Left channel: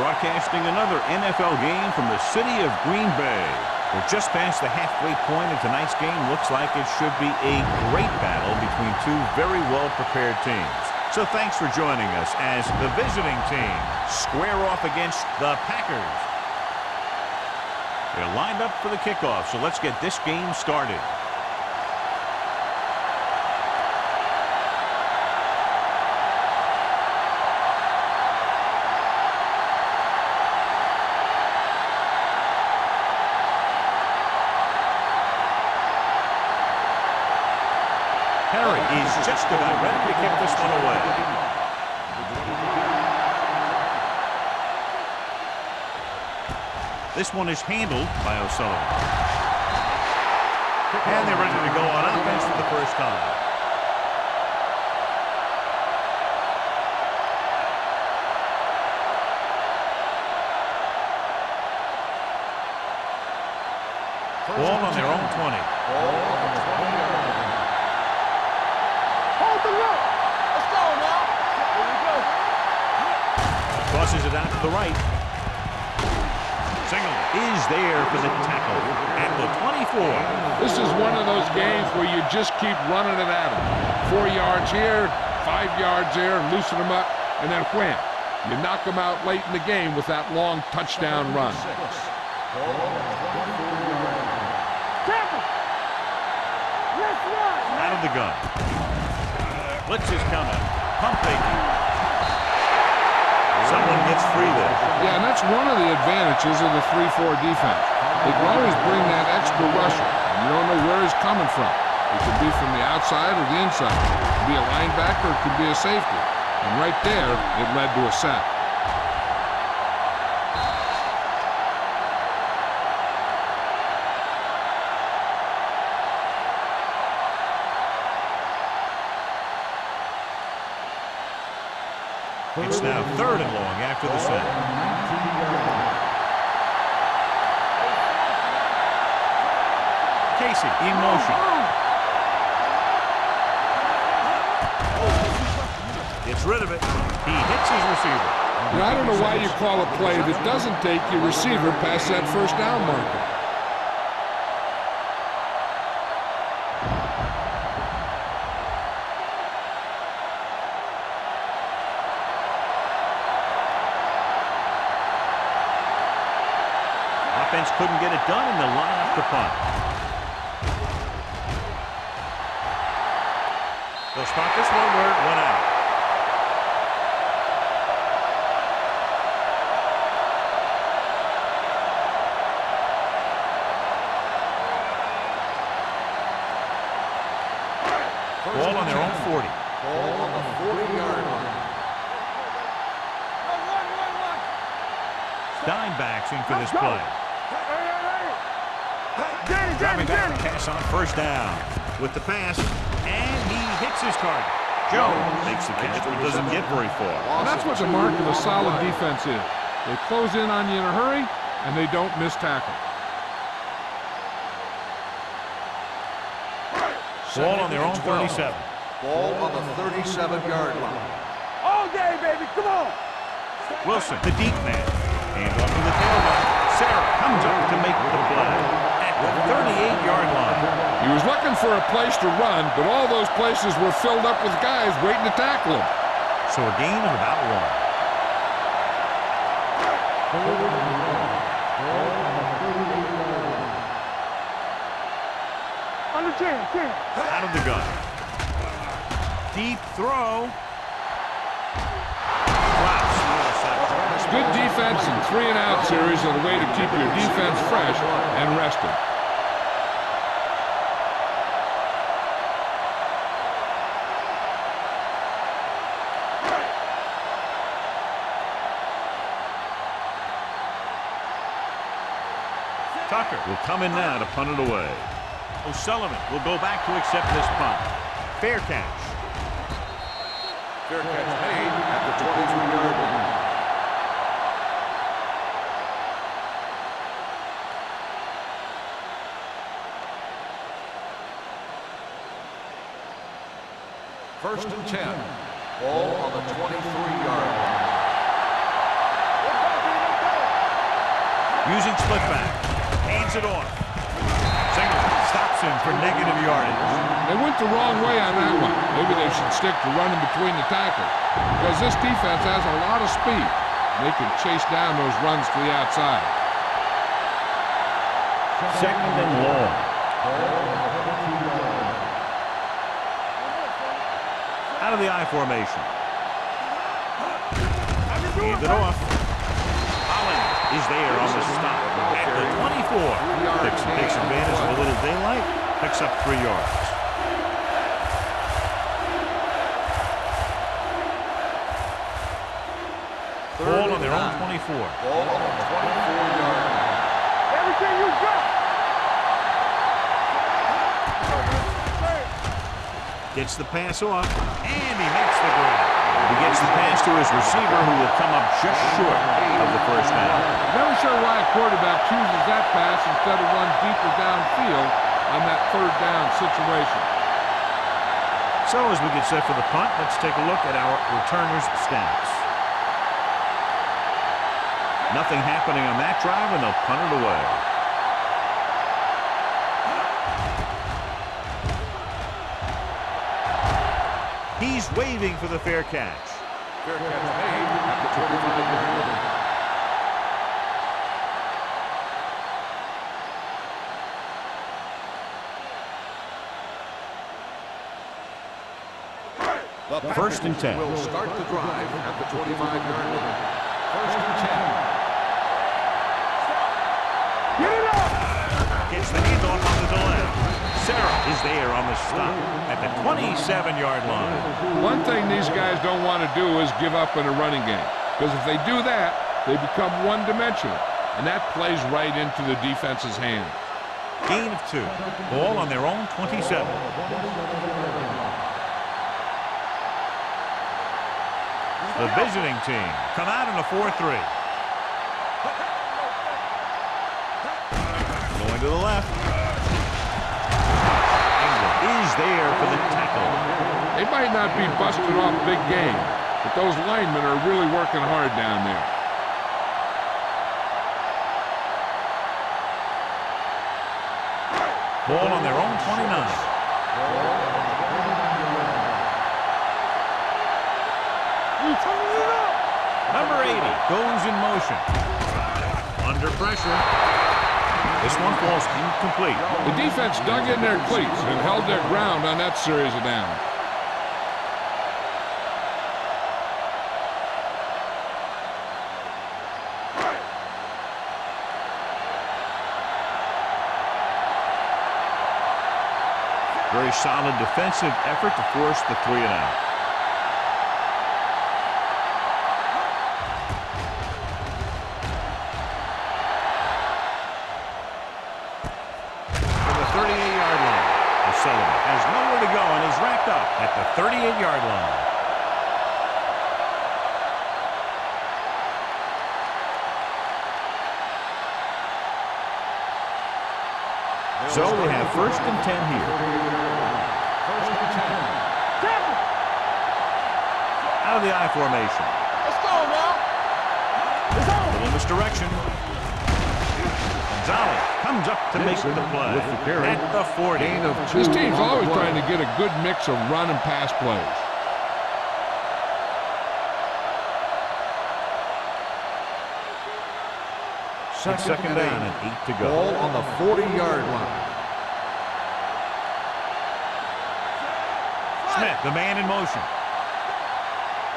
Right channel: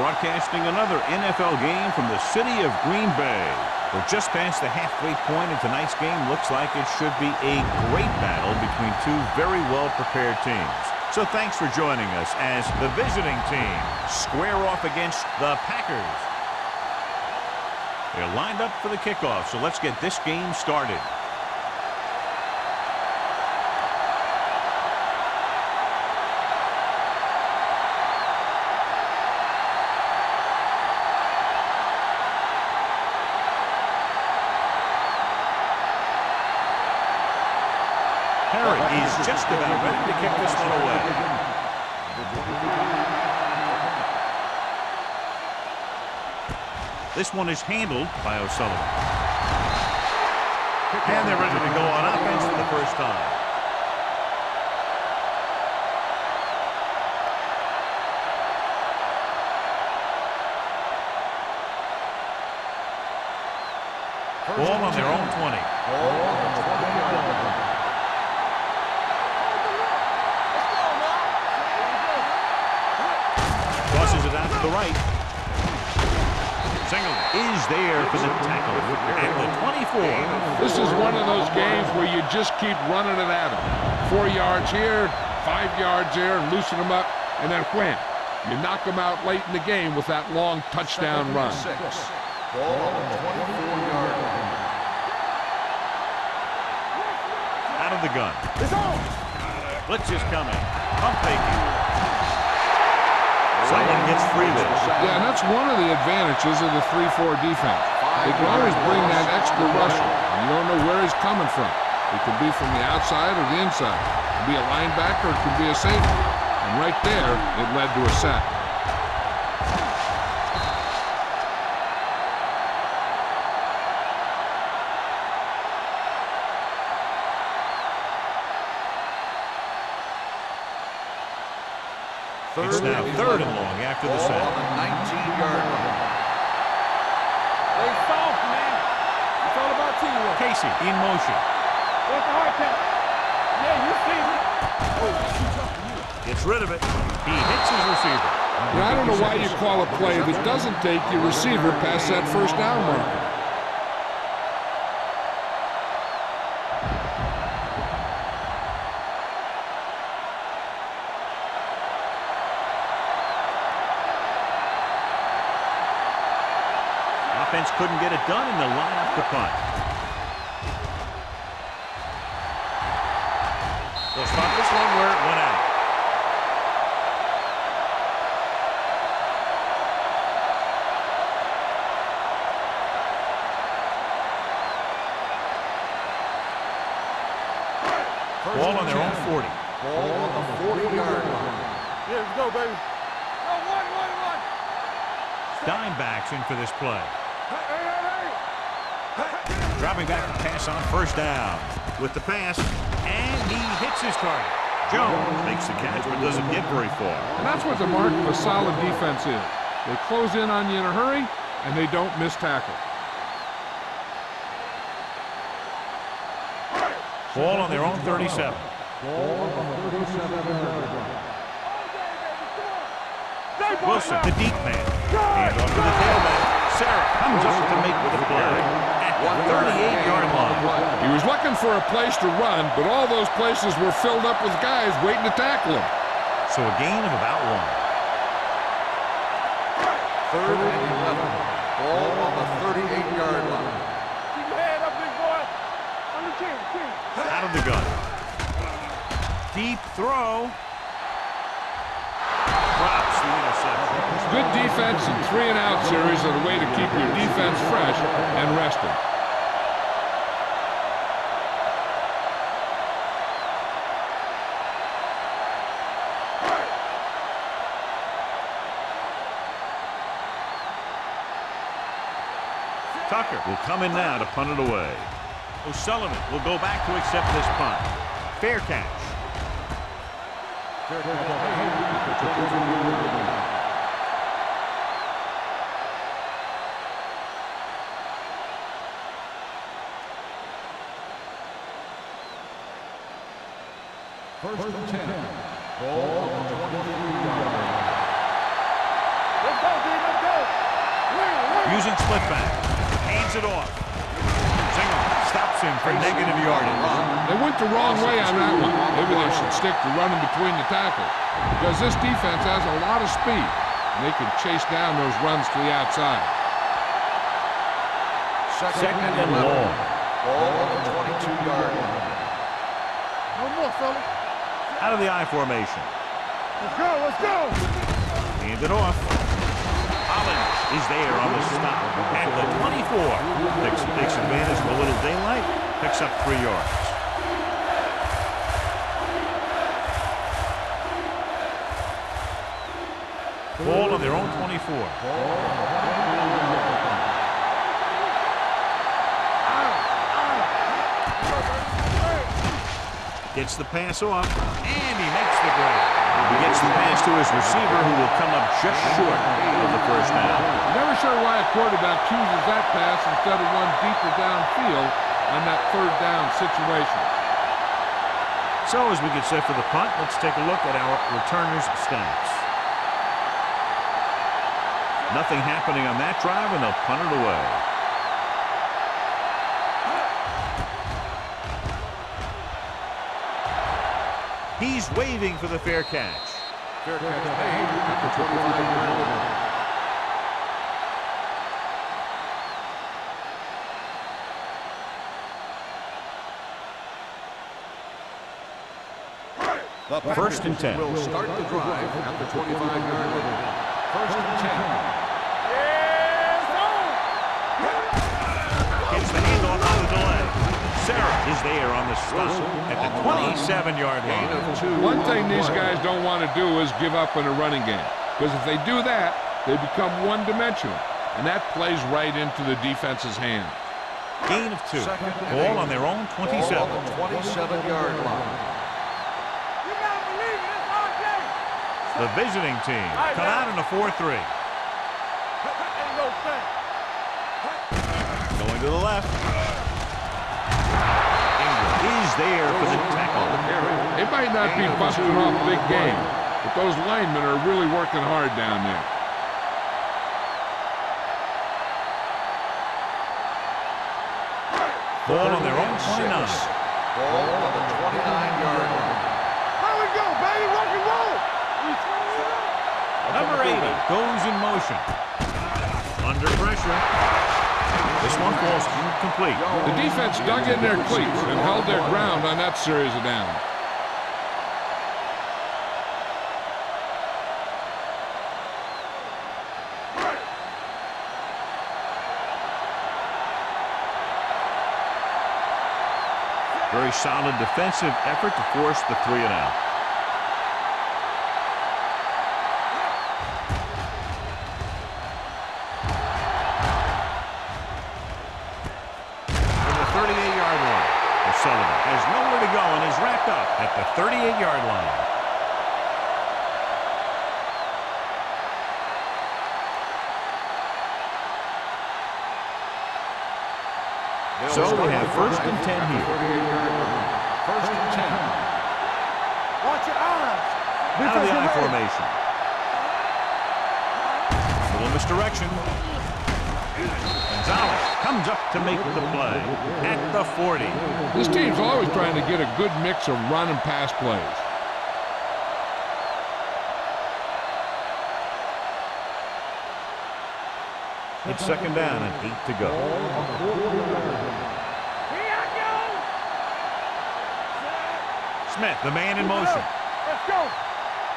broadcasting another NFL game from the city of Green Bay. We're just past the halfway point, and tonight's game looks like it should be a great battle between two very well-prepared teams. So thanks for joining us as the visiting team square off against the Packers. They're lined up for the kickoff, so let's get this game started. Harry is just about ready to kick this one away. This one is handled by O'Sullivan. And they're ready to go on offense for the first time. Ball on their own 20. Ball on the 20-yard line. Let's go now. Here we go. Tosses it out to the right. Singleton is there for the tackle at the 24. This is one of those games where you just keep running it at them. 4 yards here, 5 yards there, and loosen them up, and then wham. You knock them out late in the game with that long touchdown run. Ball on the 24-yard line. Out of the gun. Blitz is coming. Pump faking. Someone gets free there. Yeah, and that's one of the advantages of the 3-4 defense. They can always bring that extra rusher, and you don't know where he's coming from. It could be from the outside or the inside. It could be a linebacker, it could be a safety. And right there, it led to a sack. It's now 3rd and long after the sack. Casey in motion. Gets rid of it. He hits his receiver. Now, I don't know why you call a play that doesn't take your receiver past that first down marker. Offense couldn't get it done, and they'll line up the punt. They'll start this one where it went out. Ball on their own 40. Ball on the 40-yard line. Yeah, let's go, baby. No, one. Dime backs in for this play. Dropping back to pass on first down. With the pass, and he hits his target. Jones makes the catch, but doesn't get very far. And that's what the mark of a solid defense is. They close in on you in a hurry, and they don't miss tackle. Ball on their own 37. Ball on the 37-yard line. All day, baby. Come on. Wilson, the deep man. Hands off to the tailback. Sarah comes up to make the play at the 38-yard line. He was looking for a place to run, but all those places were filled up with guys waiting to tackle him. So a gain of about 1. 3rd and 11. Ball on the 38-yard line. Keep your head up, big boy. On the 10. Out of the gun. Deep throw. Drops the interception. Good defense and 3-and-out series are the way to keep your defense fresh and rested. Tucker will come in now to punt it away. O'Sullivan will go back to accept this punt. Fair catch. Fair catch made at the 22-yard line. First and 10. Ball on the 23-yard line. Let's go, using split back. Hands it off. Singleton stops him for negative yardage. They went the wrong way on that one. Maybe they should stick to running between the tackles because this defense has a lot of speed, and they can chase down those runs to the outside. Second and long. Ball on the 22-yard line. One more, fella. Out of the I formation. Let's go, let's go. Hand it off. Holland is there on the stop at the 24. Takes advantage of a little daylight. Picks up 3 yards. Ball on their own 24. Ball on the 24-yard line. Everything you got. Gets the pass off, and he makes the grab. He gets the pass to his receiver, who will come up just short of the first down. Never sure why a quarterback chooses that pass instead of one deeper downfield on that third down situation. So as we get set for the punt, let's take a look at our returners' stats. Nothing happening on that drive, and they'll punt it away. He's waving for the fair catch. Fair catch made at the 25-yard line. The First and 10. Will start the drive at the 25-yard line. First and 10. Gets the handoff on the delay. Sarah is there on the stop at the 27-yard line. One thing these guys don't want to do is give up in a running game, because if they do that, they become one-dimensional, and that plays right into the defense's hands. Gain of 2. Ball on their own 27. 27-yard line. The visiting team come out in a 4-3. Going to the left. Is there for the tackle. They might not be busting off big game, but those linemen are really working hard down there. Ball on their own 29. Ball on the 29-yard line. Number 80 goes in motion. Under pressure. This one falls incomplete. The defense dug in their cleats and held their ground on that series of downs. Very solid defensive effort to force the 3 and out. Sullivan has nowhere to go and is wrapped up at the 38-yard line. So they have first and 10 here. First and 10. Out of the I formation. Little misdirection. Gonzalez comes up to make the play at the 40. This team's always trying to get a good mix of run and pass plays. It's second down and 8 to go. Ball on the 40-yard line. Smith, the man in motion. Let's go.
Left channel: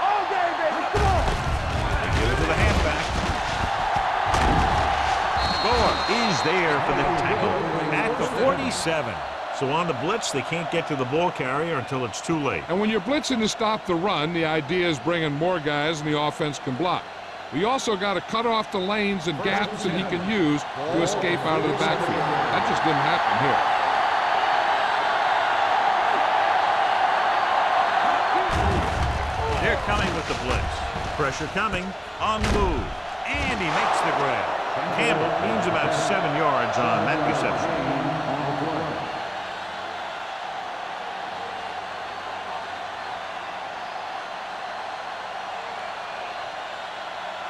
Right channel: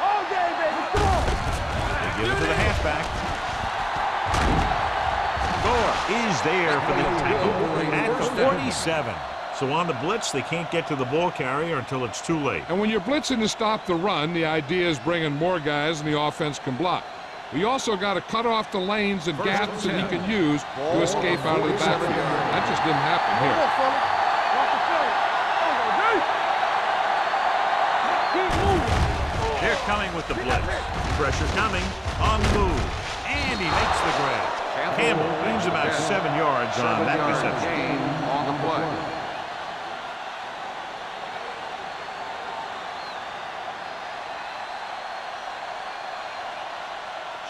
All day, baby. Come on. They give it to the halfback. Gore is there for the tackle at the 47. So on the blitz, they can't get to the ball carrier until it's too late. And when you're blitzing to stop the run, the idea is bringing more guys and the offense can block. We also got to cut off the lanes and gaps that he can use to escape out of the backfield. That just didn't happen here. They're coming with the blitz. Pressure coming on the move. And he makes the grab. Campbell gains about 7 yards on that reception.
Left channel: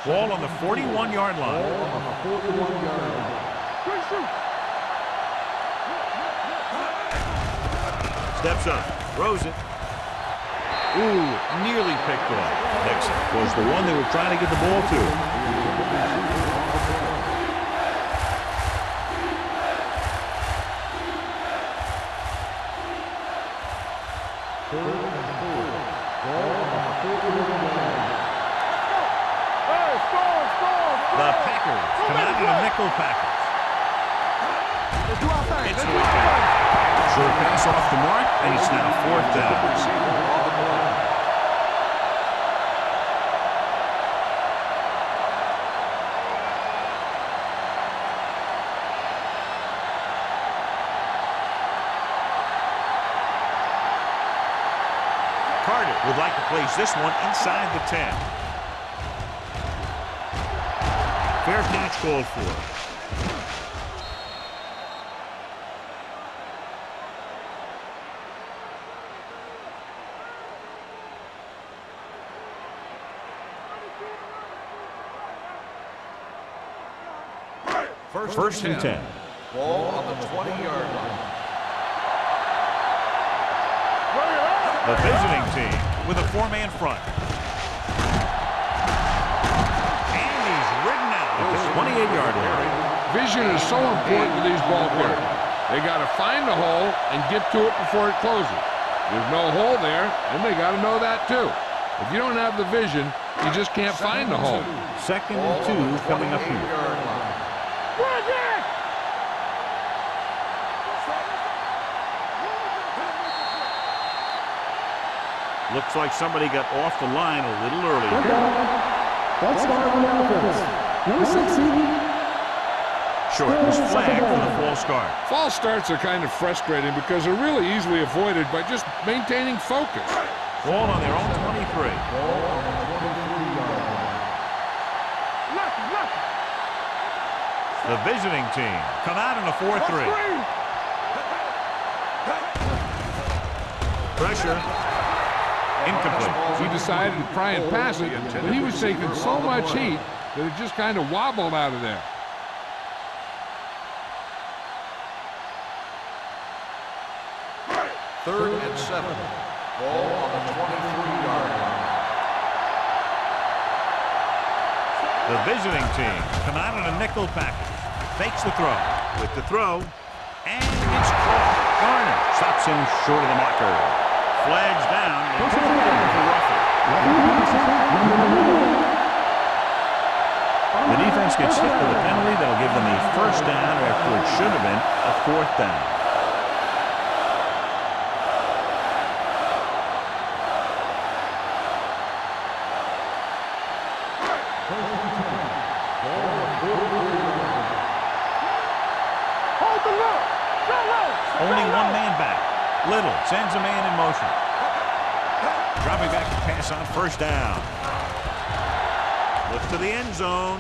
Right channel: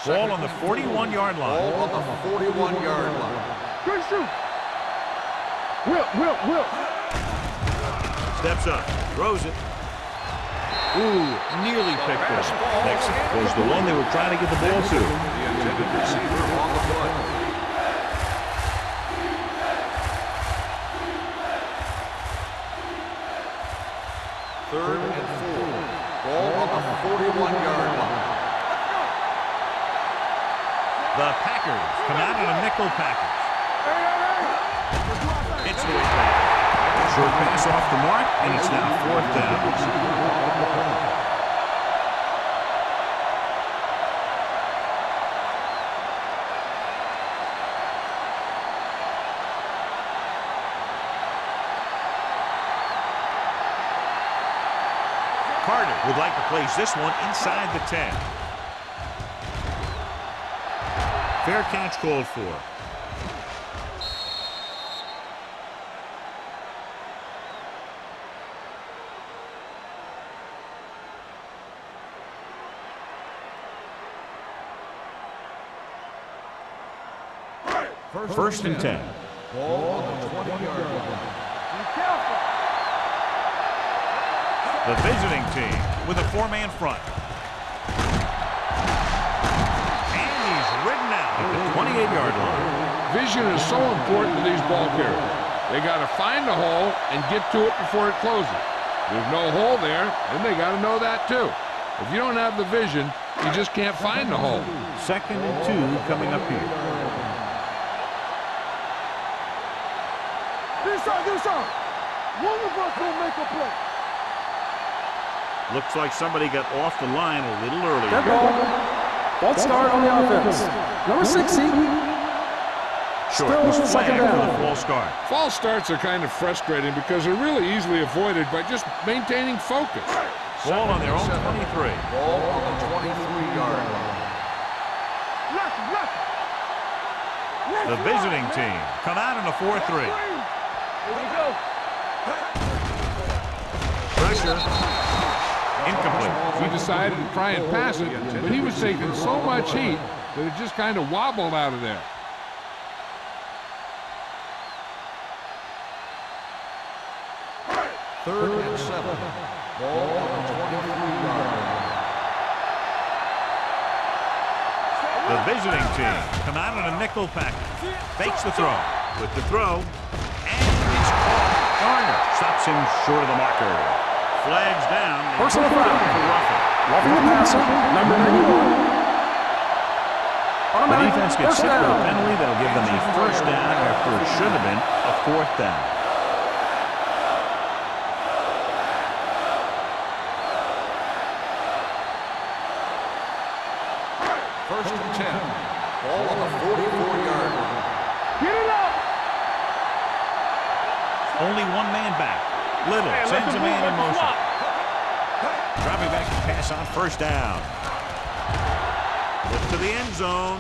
Ball on the 41-yard line. Ball on the 41-yard line. Good shoot. Will. Steps up, throws it. Ooh, nearly picked off. Next was the one they were trying to get the ball to. Third and 4. Ball on the 41-yard line. Let's go. Hey, score. The Packers come out in a nickel package. Let's do our thing. It's the way back. Short pass off the mark, and it's now 4th down. Receiver on the play. Carter would like to place this one inside the 10. Fair catch called for. First and 10. Ball on the 20-yard line. The visiting team with a 4-man front. And he's ridden out at the 28-yard line. Vision is so important to these ball carriers. They got to find the hole and get to it before it closes. There's no hole there, and they got to know that too. If you don't have the vision, you just can't find the hole. 2nd and 2 coming up here. Looks like somebody got off the line a little early here. False start on the offense. Number 16. Short was flagged for the false start. False starts are kind of frustrating because they're really easily avoided by just maintaining focus. Ball on their own 23. Ball on the 23-yard line. Lucky. The visiting team come out in a 4-3. Pressure. Incomplete. He decided to try and pass it, but he was taking so much heat that it just kind of wobbled out of there. Third and 7. Ball on the 23-yard line. The visiting team come out in a nickel package. Fakes the throw. With the throw. And it's caught. Garner stops him short of the marker. Flags down. They Personal moved him foul. for roughing. Roughing the passer, number 1. The defense gets hit with a penalty that'll give them a 1st down after it should have been a 4th down. First and 10. Ball on the 44-yard line. Get it up. Hold the look. Only one man back. Little sends a man in motion. Dropping back to pass on 1st down. Look to the end zone.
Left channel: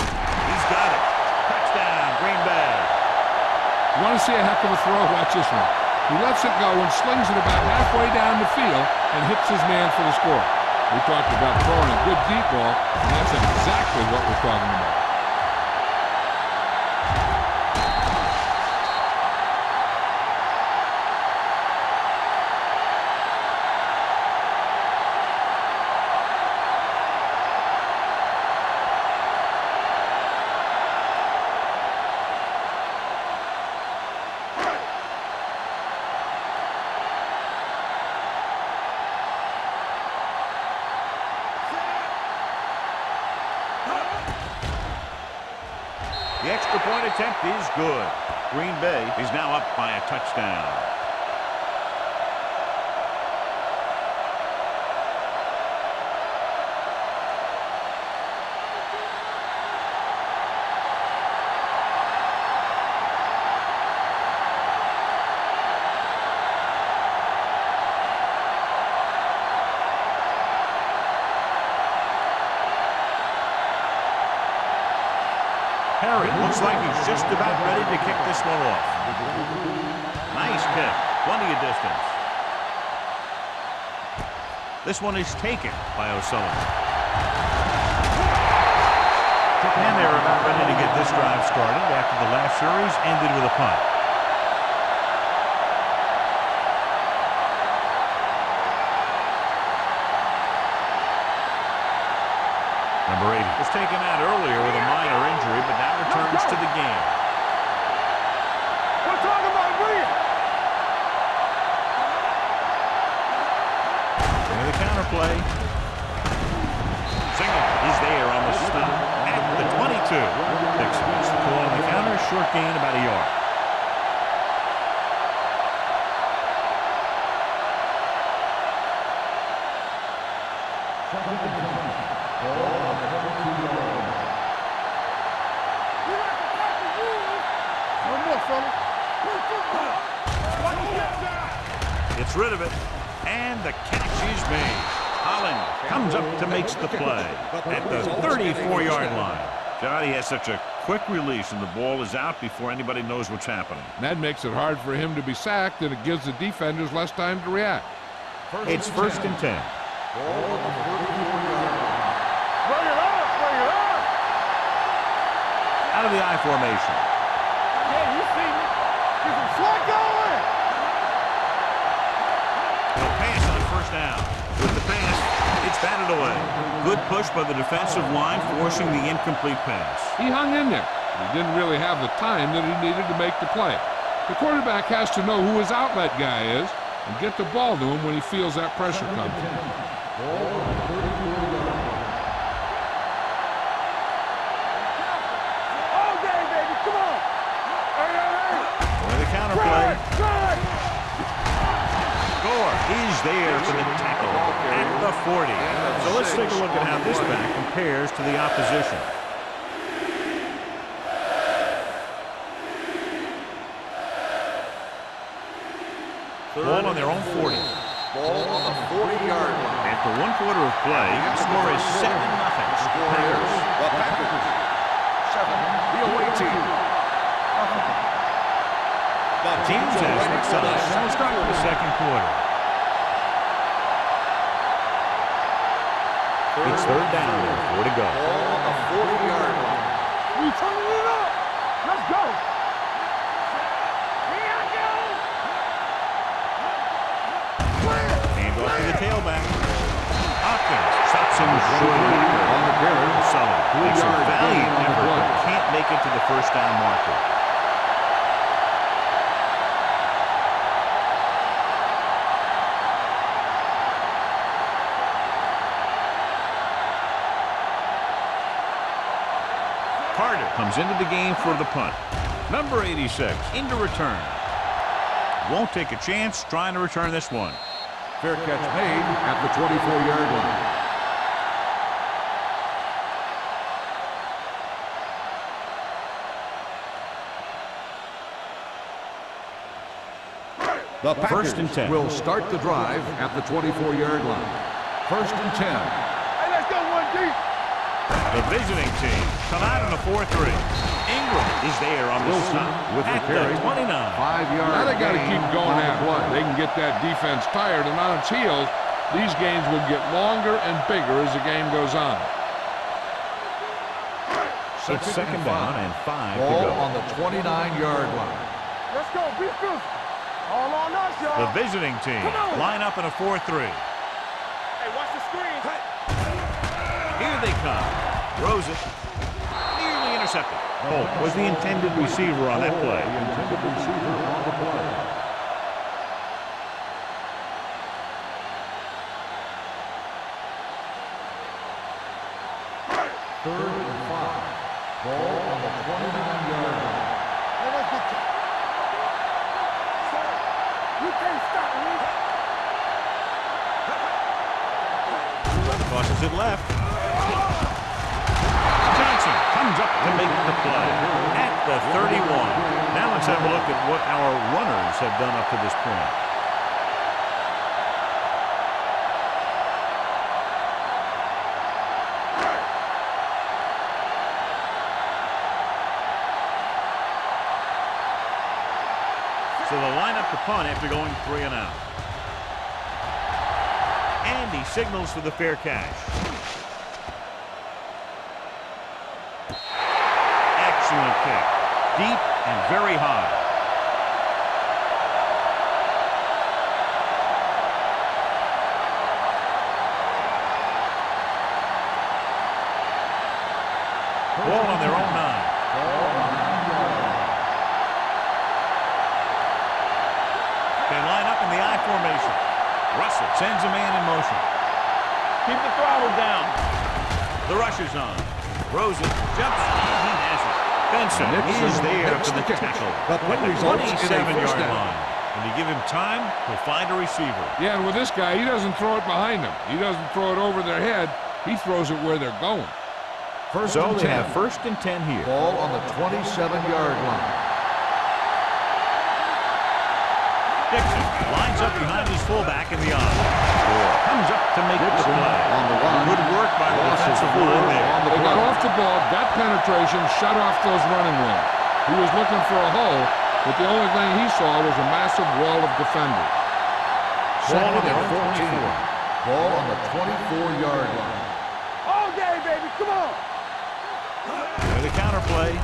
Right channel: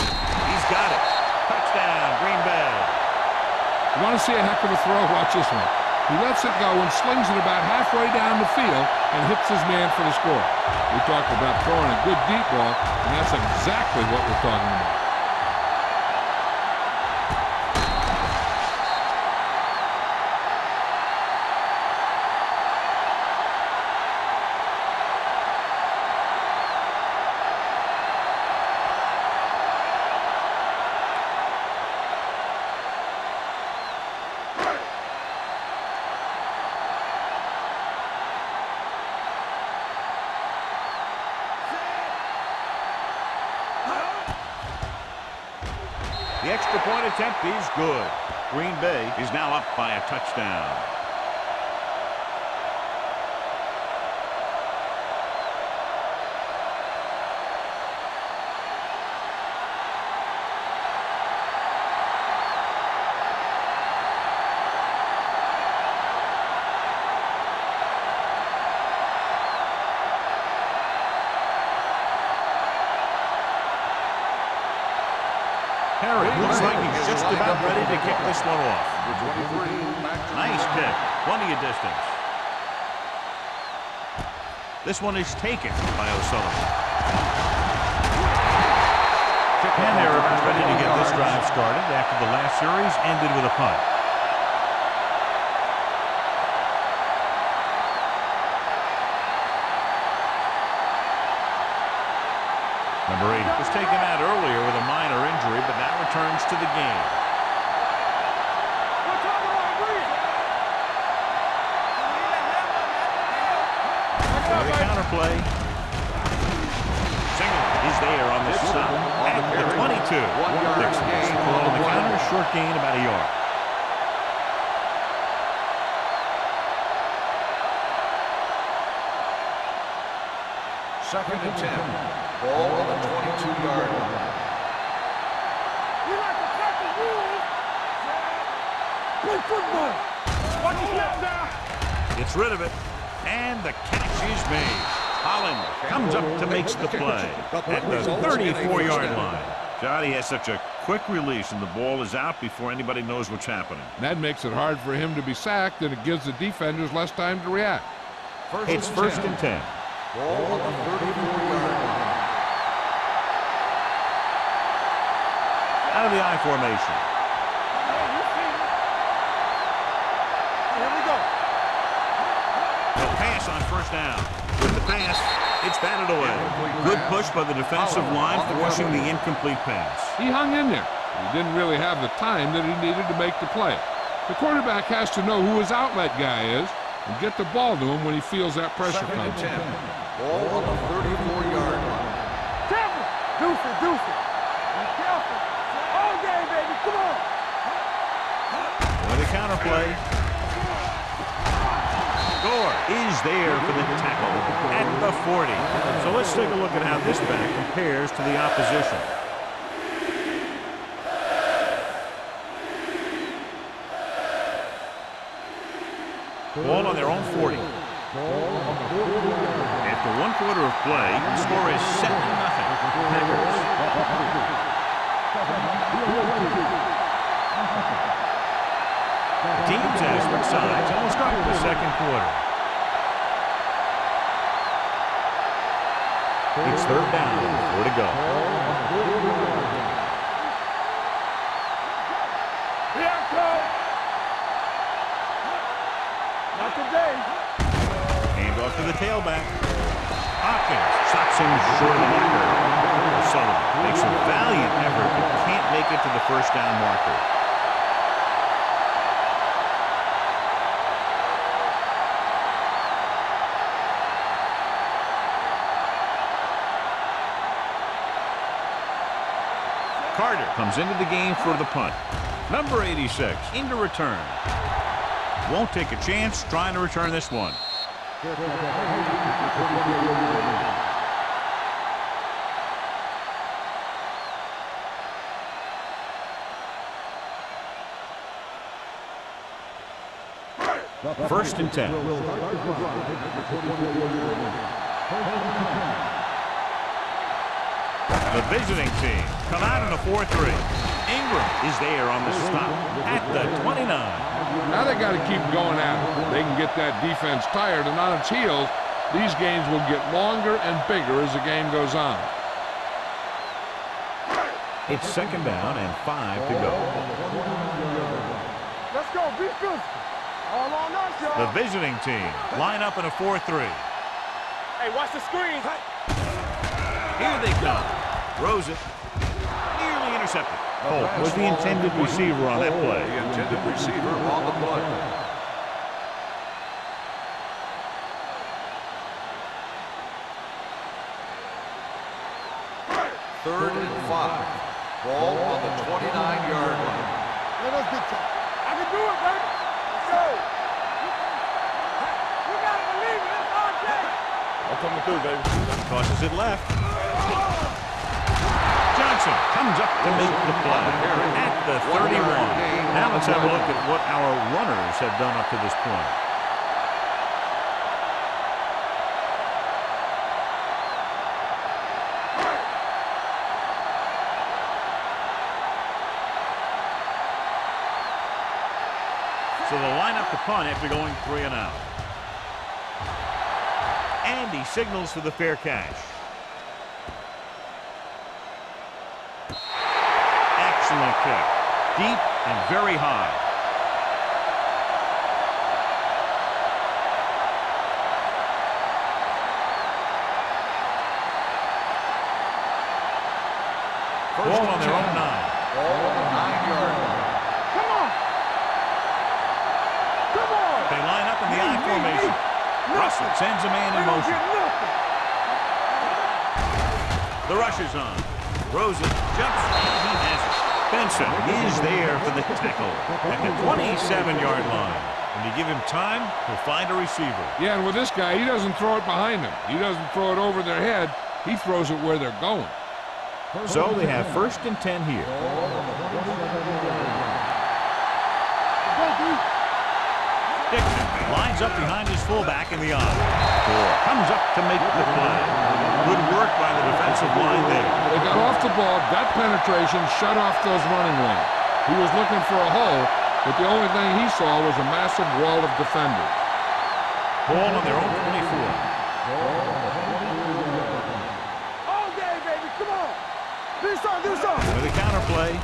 He's got it. Touchdown, Green Bay. You want to see a heck of a throw? Watch this one. He lets it go and slings it about halfway down the field and hits his man for the score. We talked about throwing a good deep ball, and that's exactly what we're talking about. The extra point attempt is good. Green Bay is now up by a touchdown. Harry looks like he's just about ready to kick this one off. Nice kick. Plenty of distance. This one is taken by O'Sullivan. And they're about ready to get this drive started after the last series ended with a punt. Number 80 was taken out earlier with a minor injury, but now returns to the game. We're talking about bring it. With the counter play. Single is there on the stop at the 22. Dixon gets the call on the counter. Short gain, about a yard. Second and 10. Ball on the 22-yard line. We like to pack the rules. Play football. Watch the snap now. Gets rid of it, and the catch is made. Holland comes up to make the play at the 34-yard line. Johnny has such a quick release, and the ball is out before anybody knows what's happening. That makes it hard for him to be sacked, and it gives the defenders less time to react. It's first and 10. Ball on the 34-yard line. Bring it on. Bring it on. Out of the I formation. Yeah, you see me. Get some slot going. He'll pass on first down. With the pass, it's batted away. Good push by the defensive line, forcing the incomplete pass. He hung in there, but he didn't really have the time that he needed to make the play. The quarterback has to know who his outlet guy is and get the ball to him when he feels that pressure coming. Ball on the 34-yard line. Careful. Deuce it. Be careful. All day, baby. Come on. With the counter play. Gore is there for the tackle at the 40. So let's take a look at how this back compares to the opposition. Ball on their own 40. Ball on the 40-yard line. After one quarter of play, the score is 7-0. Packers. The away team. The teams have switched sides and will start the second quarter. It's third down and 4 to go. Ball on the 40-yard line. We turning it up. Let's go. Hand off to the tailback. Hopkins stops him short of the marker. Sullivan makes a valiant effort but can't make it to the first down marker. Carter comes into the game for the punt. Number 86 into return. Won't take a chance trying to return this one. Fair catch made at the 24-yard line. The First and 10. will start the drive at the 24-yard line. First and 10. Hey, let's go one deep. The visiting team come out in a 4-3. Ingram is there on the stop at the 29. 5 yards. Now they got to keep going at it. They can get that defense tired, and on its heels, these games will get longer and bigger as the game goes on. It's second down and 5 to Ball go. on the 29-yard line. Let's go. Be physical. All on us, y'all. The visiting team line up in a 4-3. Hey, watch the screen. Here they come. Throws it. Nearly intercepted. Holt was the intended receiver on that play. The intended receiver on the play. Third and 5. Ball on the 29-yard line. Let us get to. I can do it, baby. So, you can't stop me. You gotta believe it. Okay. Tosses it left. Johnson comes up to make the play at the 31. Now let's have a look at what our runners have done up to this point. So they'll line up to punt after going 3 and out. And he signals for the fair catch. Excellent kick. Deep and very high. Ball on their own 9. They line up in the I formation. Russell sends a man in motion. Keep the throttle down. The rush is on. Rosen jumps, and he has it. Benson is there for the tackle at the 27-yard line. When you give him time, he'll find a receiver. Yeah, and with this guy, he doesn't throw it behind them. He doesn't throw it over their head. He throws it where they're going. So they have 1st and 10 here. Ball on the 27-yard line. Dixon lines up behind his fullback in the I. Comes up to make the play. Good work by the defensive line there. They got off the ball, got penetration, shut off those running lanes. He was looking for a hole, but the only thing he saw was a massive wall of defenders. Ball on their own 24. Ball on the 24-yard line. All day, baby. Come on. This side. With a counterplay.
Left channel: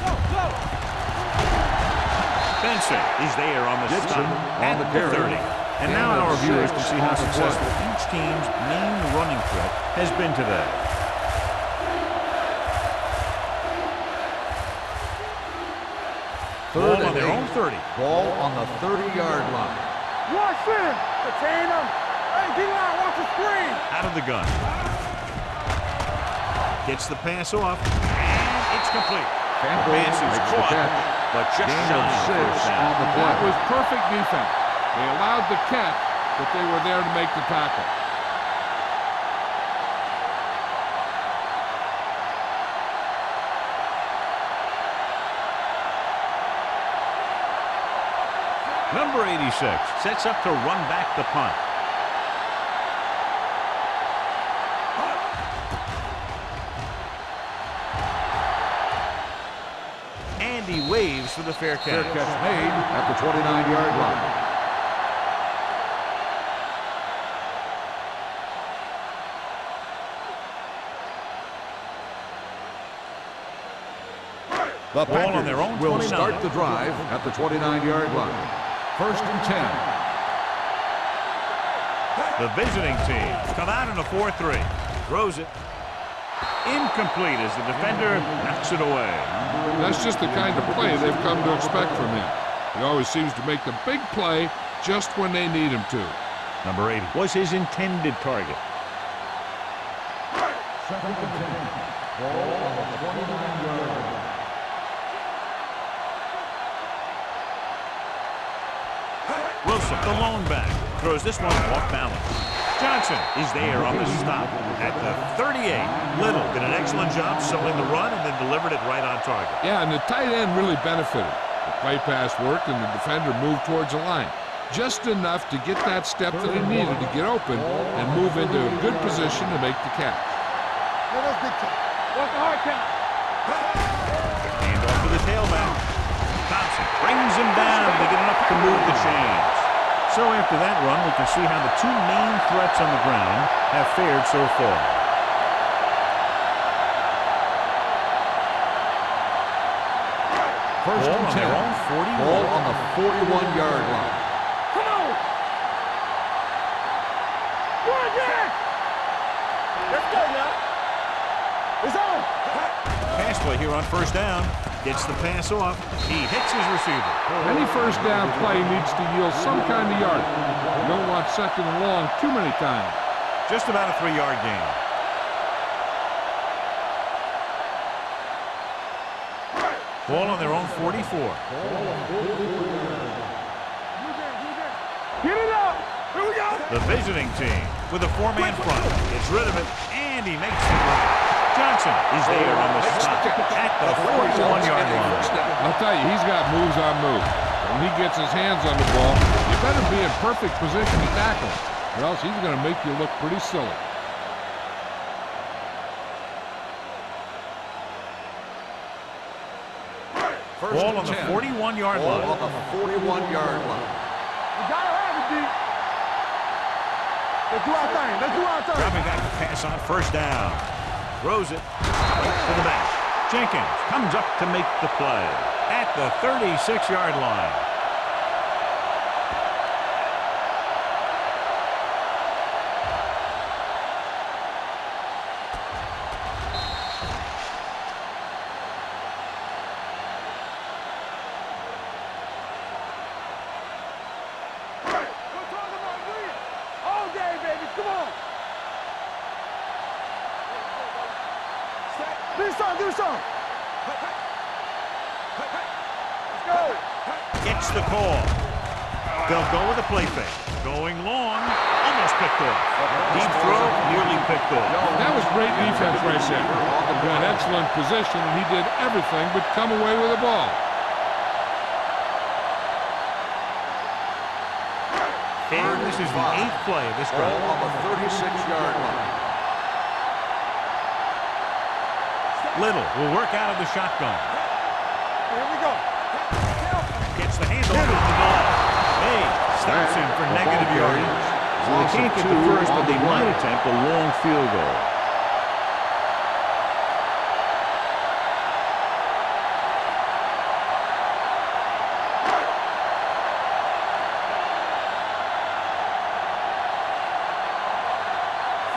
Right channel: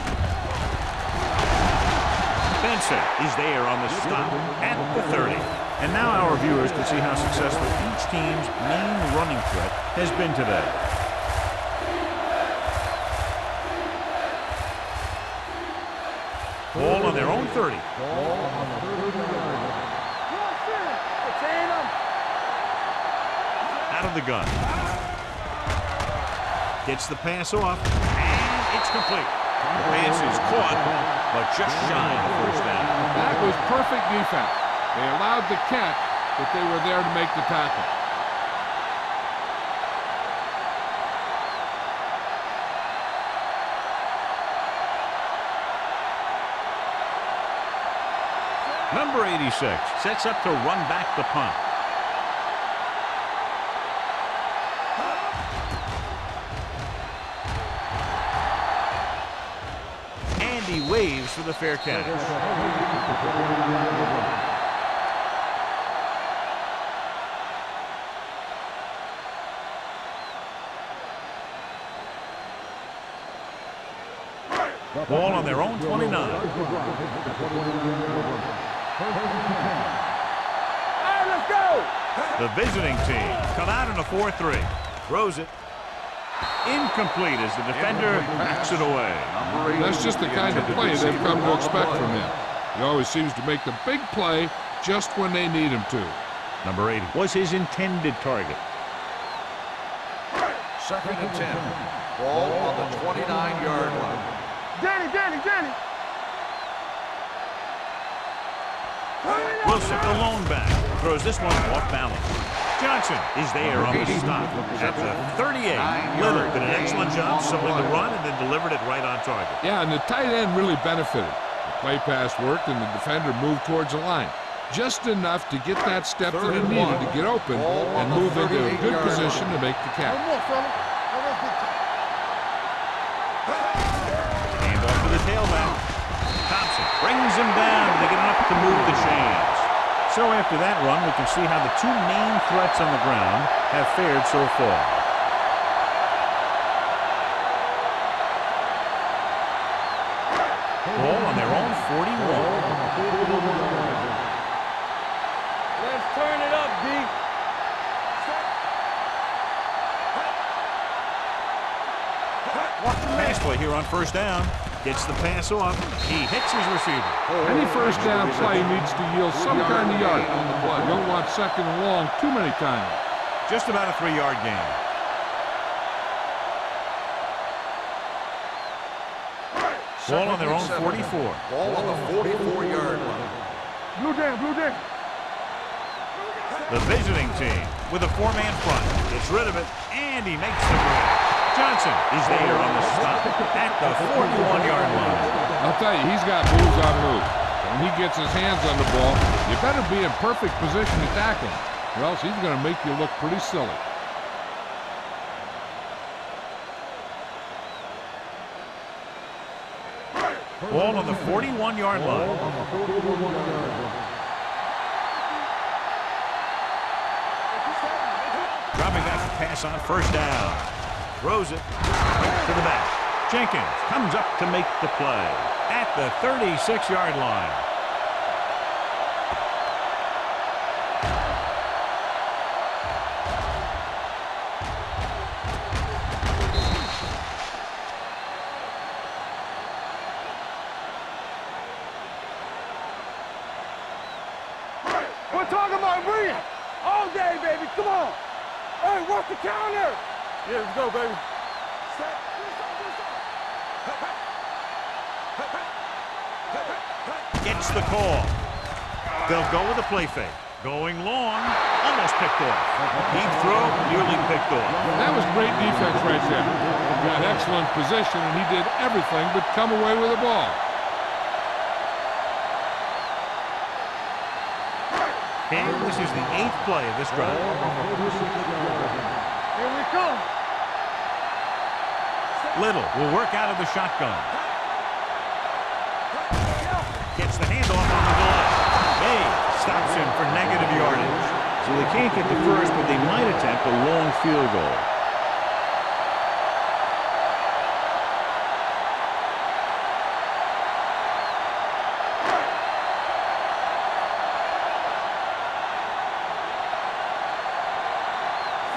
Benson is there on the stop at the 30. And now our viewers can see how successful each team's main running threat has been today. Ball on their own 30. Ball on the 30-yard line. Rush in. Detain him. He not want to screen. Out of the gun. Gets the pass off, and it's complete. The pass is caught, but just shy of the first down. That was perfect defense. They allowed the catch, but they were there to make the tackle. Number 86 sets up to run back the punt. And he waves for the fair catch. Catch made at the 29-yard line. The Ball on their own will 29. start the drive at the 29-yard line. 1st and 10. The visiting team come out in a 4-3. Throws it. Incomplete as the defender knocks it away. That's just the kind of play they've come to expect from him. He always seems to make the big play just when they need him to. Number 80 was his intended target. 2nd and 10. Ball on the 29-yard line. Danny. Wilson, the lone back, throws this one off balance. Johnson is there on the stop at the 38. Little did an excellent job selling the run and then delivered it right on target. Yeah, and the tight end really benefited. The play pass worked and the defender moved towards the line. Just enough to get that step that he needed to get open and move into a good position to make the catch. One more, fella. Let us big time. What's the hard count? Hand off to the tailback. Thompson brings him down to get enough to move the chains. So after that run, we can see how the two main threats on the ground have fared so far. Ball on their own 41. Ball on the 41-yard line. Come on. Let's turn it up, D. Let's go now. It's on. Pass play here on 1st down. Gets the pass off. He hits his receiver. Any first down play needs to yield some kind of yardage. You don't want 2nd and long too many times. Just about a 3-yard gain. Ball on their own 44. Ball on the 44-yard line. Blue down. Get it up. Here we go. The visiting team with a 4-man front gets rid of it, and he makes the grab. Johnson is there on the stop at the 41-yard line. I'll tell you, he's got moves on moves. When he gets his hands on the ball, you better be in perfect position to tackle him, or else he's going to make you look pretty silly. Ball on the 41-yard Ball line. on the 41-yard line. You gotta have it, D. Let's do our thing. Let's do our thing. Dropping back to pass on first down. Throws it right to the back. Jenkins comes up to make the play at the 36-yard line. We're talking about me. All day, baby. Come on. Hey, what's the counter? Here we go, baby. Set. Do something. Do something. Hey, hey. Hey, hey. Let's go. Hey, hey. Gets the call. They'll go with a play fake. Going long. Almost picked off. Deep throw. Nearly picked off. That was great defense right there. He got excellent position, and he did everything but come away with the ball. And this is the 8th play of this drive. On the 36-yard line. Here we come. Little will work out of the shotgun. Here we go. Careful. Gets the handoff on the delay. May stops him for negative yardage. So they can't get the first, but they might attempt a long field goal.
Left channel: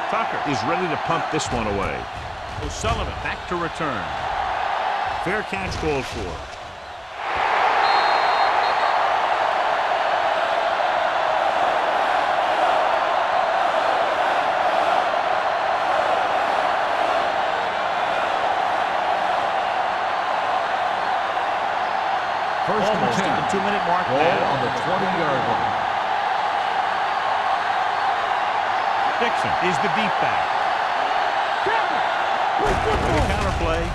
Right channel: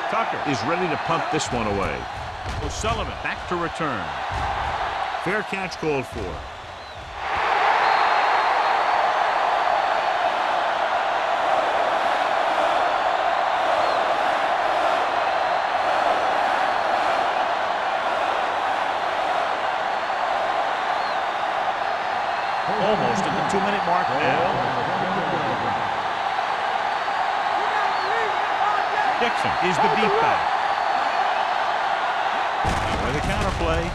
Tucker is ready to punt this one away. O'Sullivan back to return. Fair catch called for. Almost at the 2-minute mark now. On the 20-yard line. Dixon is the deep back. With a counter play.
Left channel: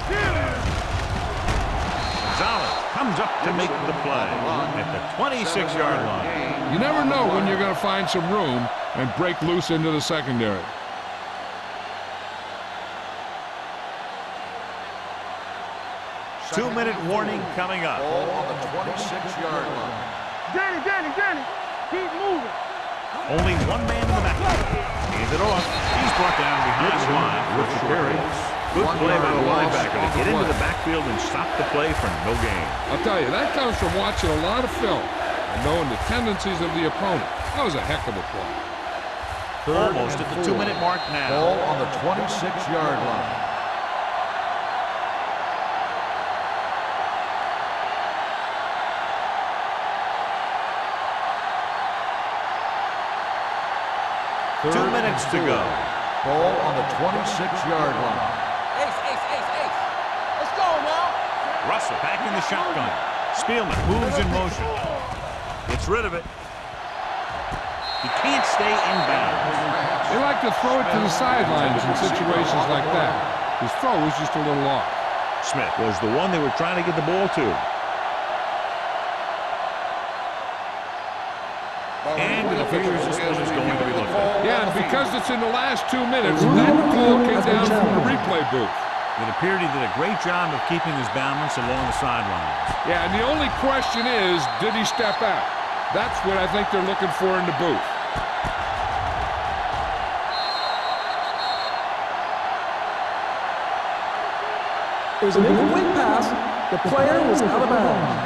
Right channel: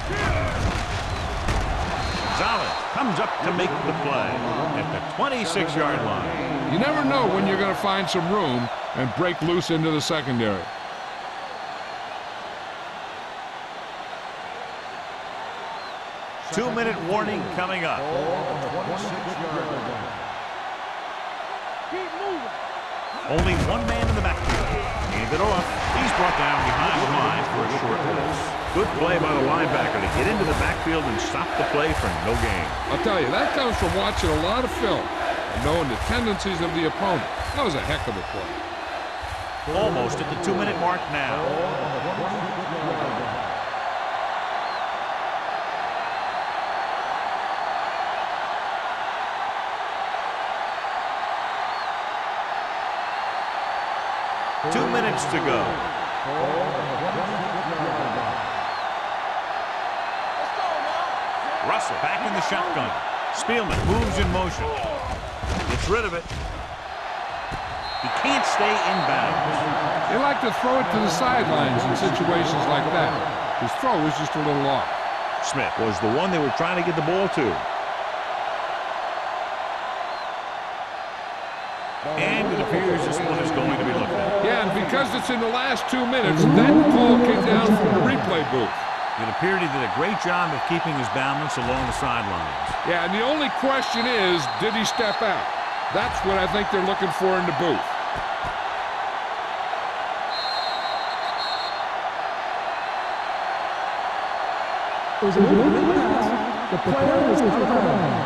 Gonzalez comes up to make the play at the 26-yard line. You never know when you're going to find some room and break loose into the secondary. Two-minute warning coming up. Ball on the 26-yard line. Danny. Keep moving. Only one man in the backfield. Hand it off. He's brought down behind the line for a short loss. Good play by the linebacker to get into the backfield and stop the play for no gain. I'll tell you, that comes from watching a lot of film and knowing the tendencies of the opponent. That was a heck of a play. Almost at the 2-minute mark now. Ball on the 26-yard line. Two minutes to go. Ball on the 26-yard line. Let's go now. Russell back in the shotgun. Spielman moves in motion. Gets rid of it. He can't stay in bounds. They like to throw it to the sidelines in situations like that. His throw was just a little off. Smith was the one they were trying to get the ball to. And it appears this one is going to be looked at. Yeah, and because it's in the last 2 minutes, that call came down from the replay booth. It appeared he did a great job of keeping his balance along the sidelines. Yeah, and the only question is, did he step out? That's what I think they're looking for in the booth. It was an incomplete pass. The player was out of bounds.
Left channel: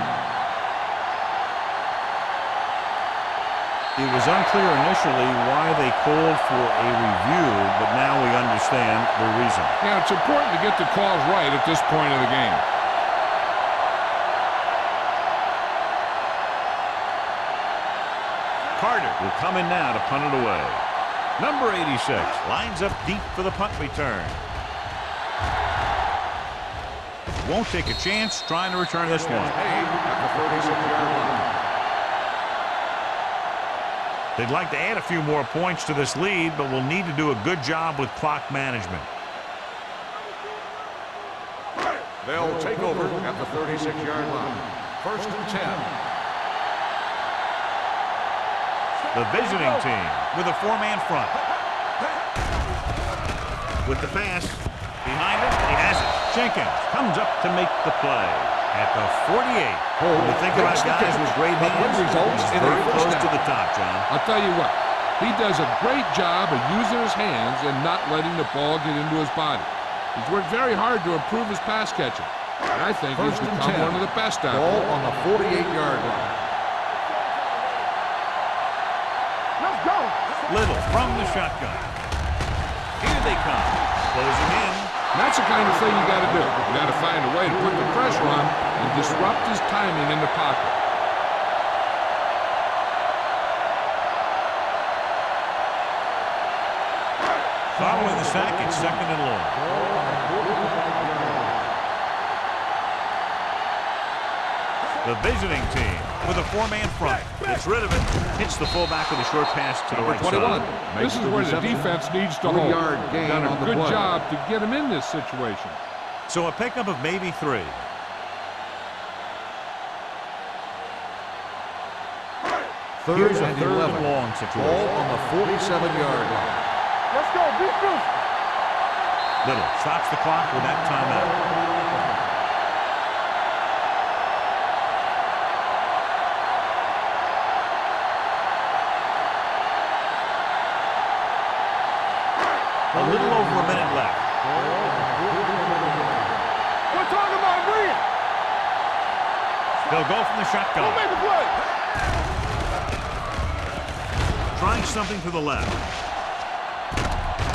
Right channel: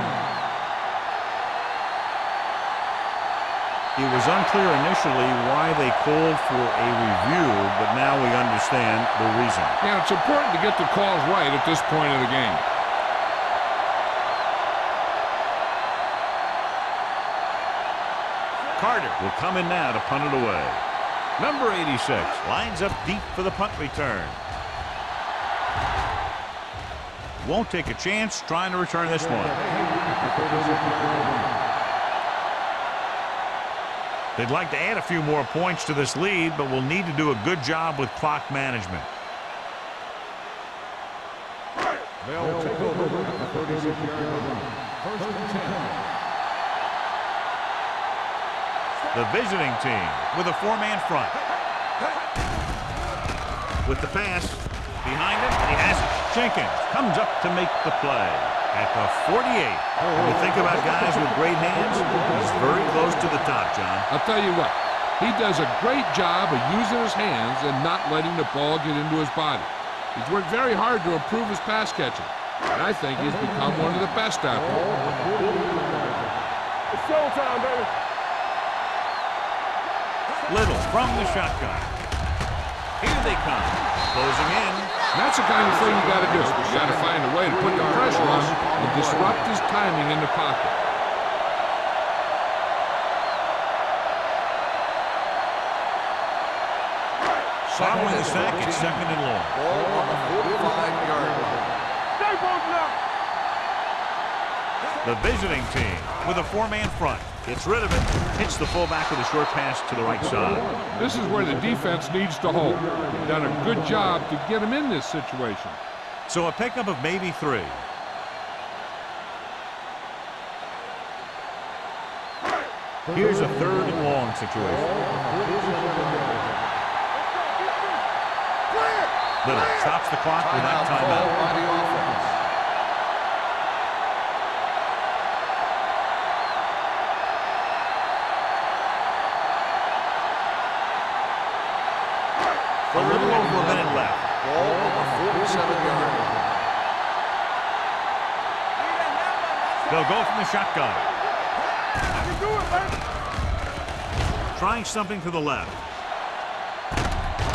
It was unclear initially why they called for a review, but now we understand the reason. Yeah, it's important to get the calls right at this point of the game. Carter will come in now to punt it away. Number 86 lines up deep for the punt return. Won't take a chance trying to return this one. At the 36-yard line. They'd like to add a few more points to this lead, but will need to do a good job with clock management. They'll take over at the 36-yard line. 1st and 10. The visiting team with a 4-man front. With the pass behind him, and he has it. Jenkins comes up to make the play at the 48. When you think about guys with great hands, he's very close to the top, John. I'll tell you what, He does a great job of using his hands and not letting the ball get into his body. He's worked very hard to improve his pass catching, and I think he's become one of the best out Ball there. on the 48-yard line. It's showtime, baby. Let's go. Little from the shotgun. Here they come. Closing in. And that's the kind of thing you got to do. You got to find a way to put the pressure on him and disrupt his timing in the pocket. Following the sack, it's 2nd and long. Ball on the 45-yard line. Stay both now. The visiting team with a 4-man front. Gets rid of it. Hits the fullback with a short pass to the right side. This is where the defense needs to hold. Done a good job to get him in this situation. So a pickup of maybe 3. Here's a 3rd and long situation. Ball on the 47-yard line. Let's go. Be good. Play it. Little stops the clock with that timeout. By the offense. A little over a minute left. Ball on the 47-yard line. We're talking about bring it. They'll go from the shotgun. Make a play. Trying something to the left.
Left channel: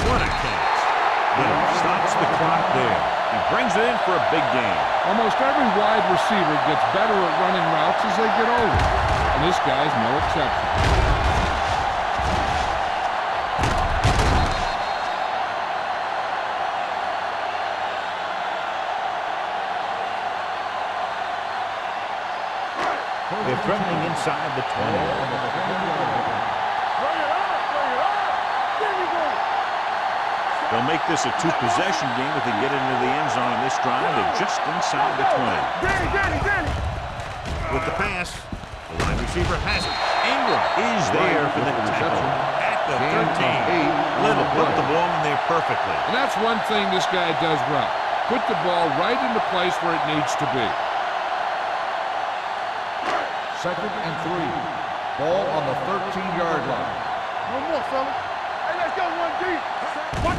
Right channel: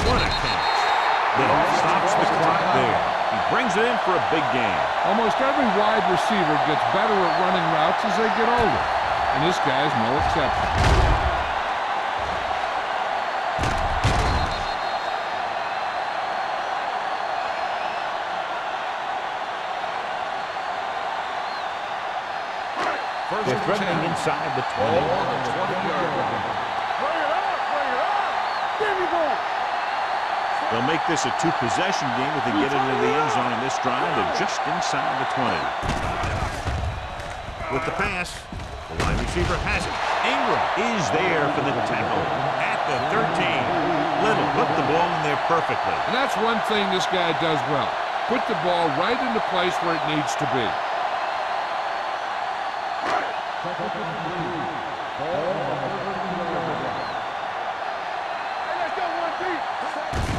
What a catch. Little stops the clock there. He brings it in for a big gain. Almost every wide receiver gets better at running routes as they get older, and this guy's no exception. They're threatening inside the 20. Bring it up. Bring it up. There we go. They'll make this a 2-possession game if they get into the end zone in this drive. They're just inside the 20. With the pass, the wide receiver has it. Ingram is there for the tackle at the 13. Little put the ball in there perfectly. And that's one thing this guy does well. Put the ball right in the place where it needs to be. 2nd and 3. Ball on the 13-yard line. One more, fella. Hey, let's go one deep.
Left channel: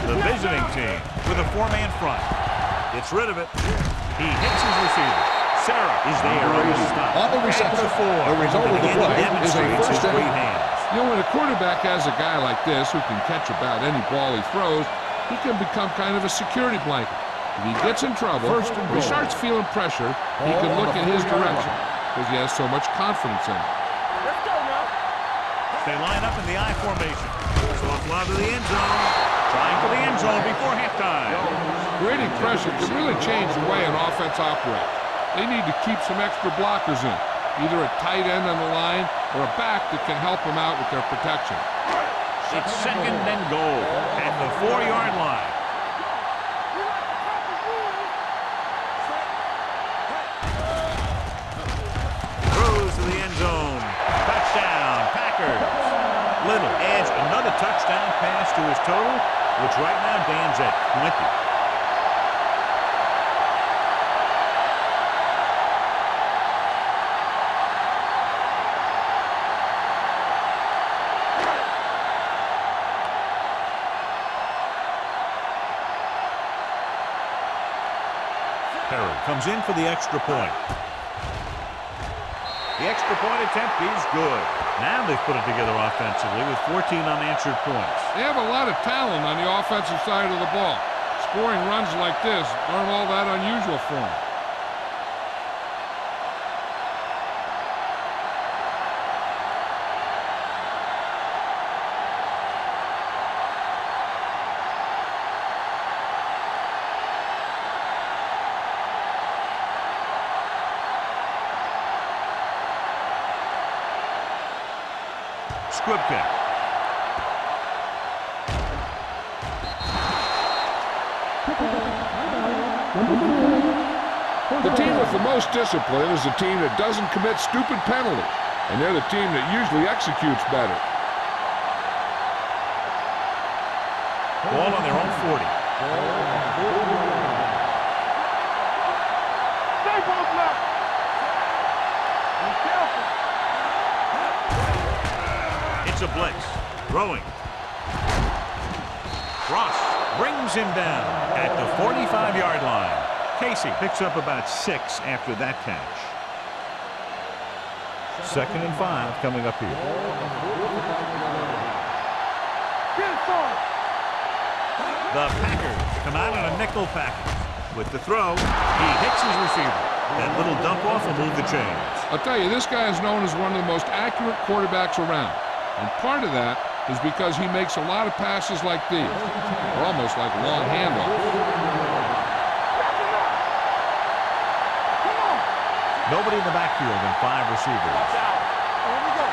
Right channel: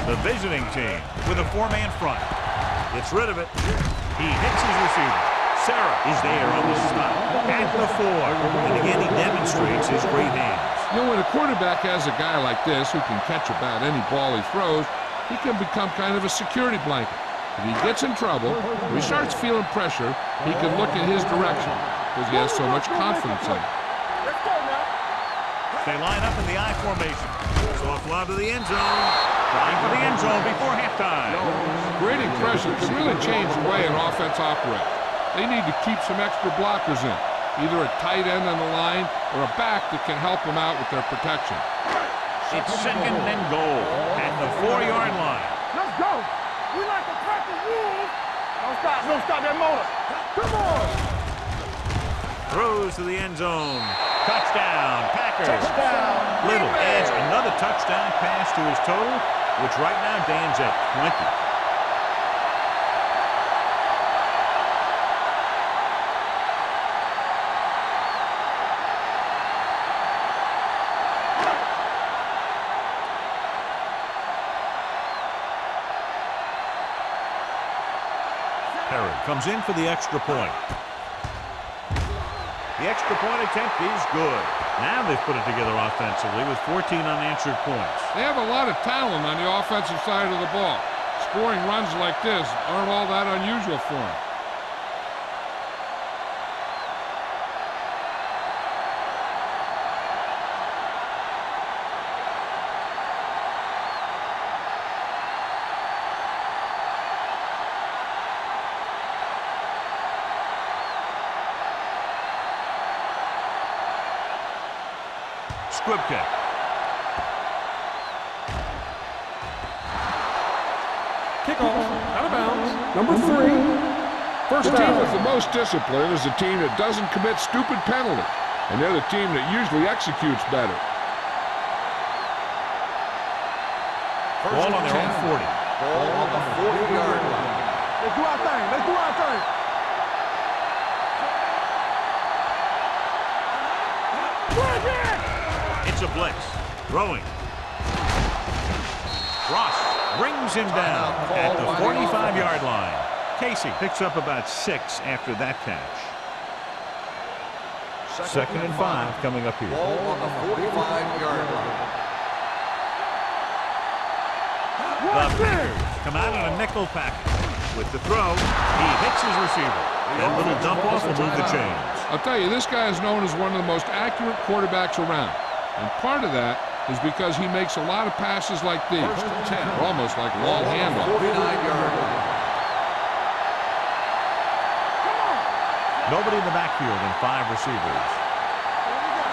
The visiting team with a 4-man front. Gets rid of it. He hits his receiver. Sarah is there on the stop. At the 4. And again, he demonstrates his great hands. You know, when a quarterback has a guy like this who can catch about any ball he throws, he can become kind of a security blanket. If he gets in trouble, or he starts feeling pressure, he can look in his direction because he has so much confidence in him. Let's go now. They line up in the I formation. Soft lob to the end zone. Trying for the end zone before halftime. Creating pressure can really change the way an offense operates. They need to keep some extra blockers in, either a tight end on the line or a back that can help them out with their protection. It's 2nd and goal at the 4-yard line. Let's go. We like to practice rules. Don't stop that motor. Come on. Throws to the end zone. Touchdown, Packers. Little adds another touchdown pass to his total, which right now stands at 20. Perry comes in for the extra point. The extra point attempt is good. Now they've put it together offensively with 14 unanswered points. They have a lot of talent on the offensive side of the ball. Scoring runs like this aren't all that unusual for them. Squib kick. Kickoff, out of bounds, number 3. First The team down. with the most discipline is the team that doesn't commit stupid penalties, and they're the team that usually executes better. Ball on their own 40. Ball on the 40-yard line. Let's do our thing. Let's do our thing. Stay both now. It's a blitz. Throwing. Ross brings him down at the 45-yard line. Casey picks up about 6 after that catch. 2nd and 5 coming up here. Ball on the 45-yard line. The Packers come out in a nickel package. With the throw, he hits his receiver. That little dump off will move the chains. I'll tell you, this guy is known as one of the most accurate quarterbacks around. And part of that is because he makes a lot of passes like these. They're almost like long handoffs. 49-yard line. Nobody in the backfield and 5 receivers. Here we go.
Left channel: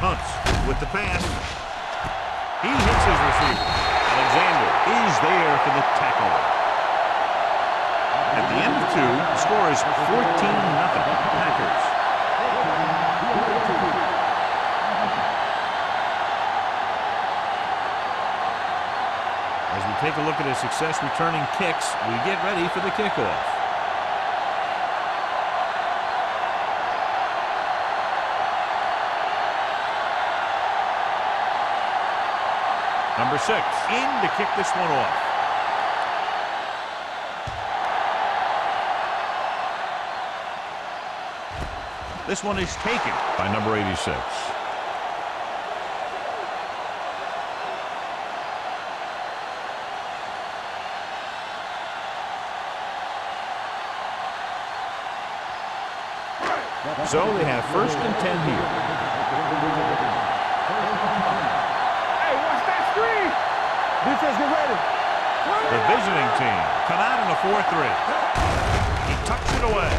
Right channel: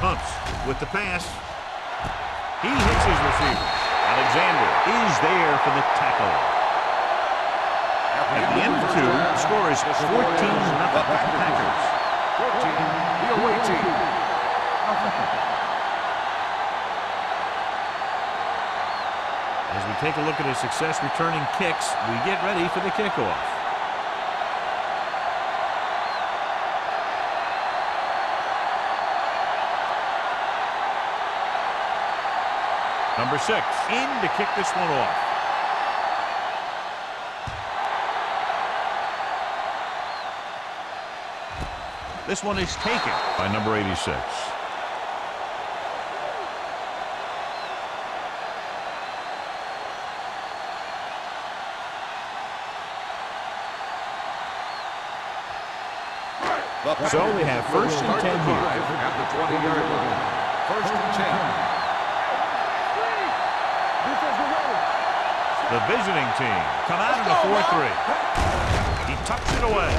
Hunts with the pass. He hits his receiver. Alexander is there for the tackle. At the end of 2, the score is 14-0 Packers. 14, the away team. As we take a look at his success returning kicks, we get ready for the kickoff. Number 6 in to kick this one off. This one is taken by number 86. So they have 1st and 10 here. At the 20-yard line. 1st and 10. Hey, watch that screen. Defense, get ready. The visiting team come out in a 4-3. He tucks it away.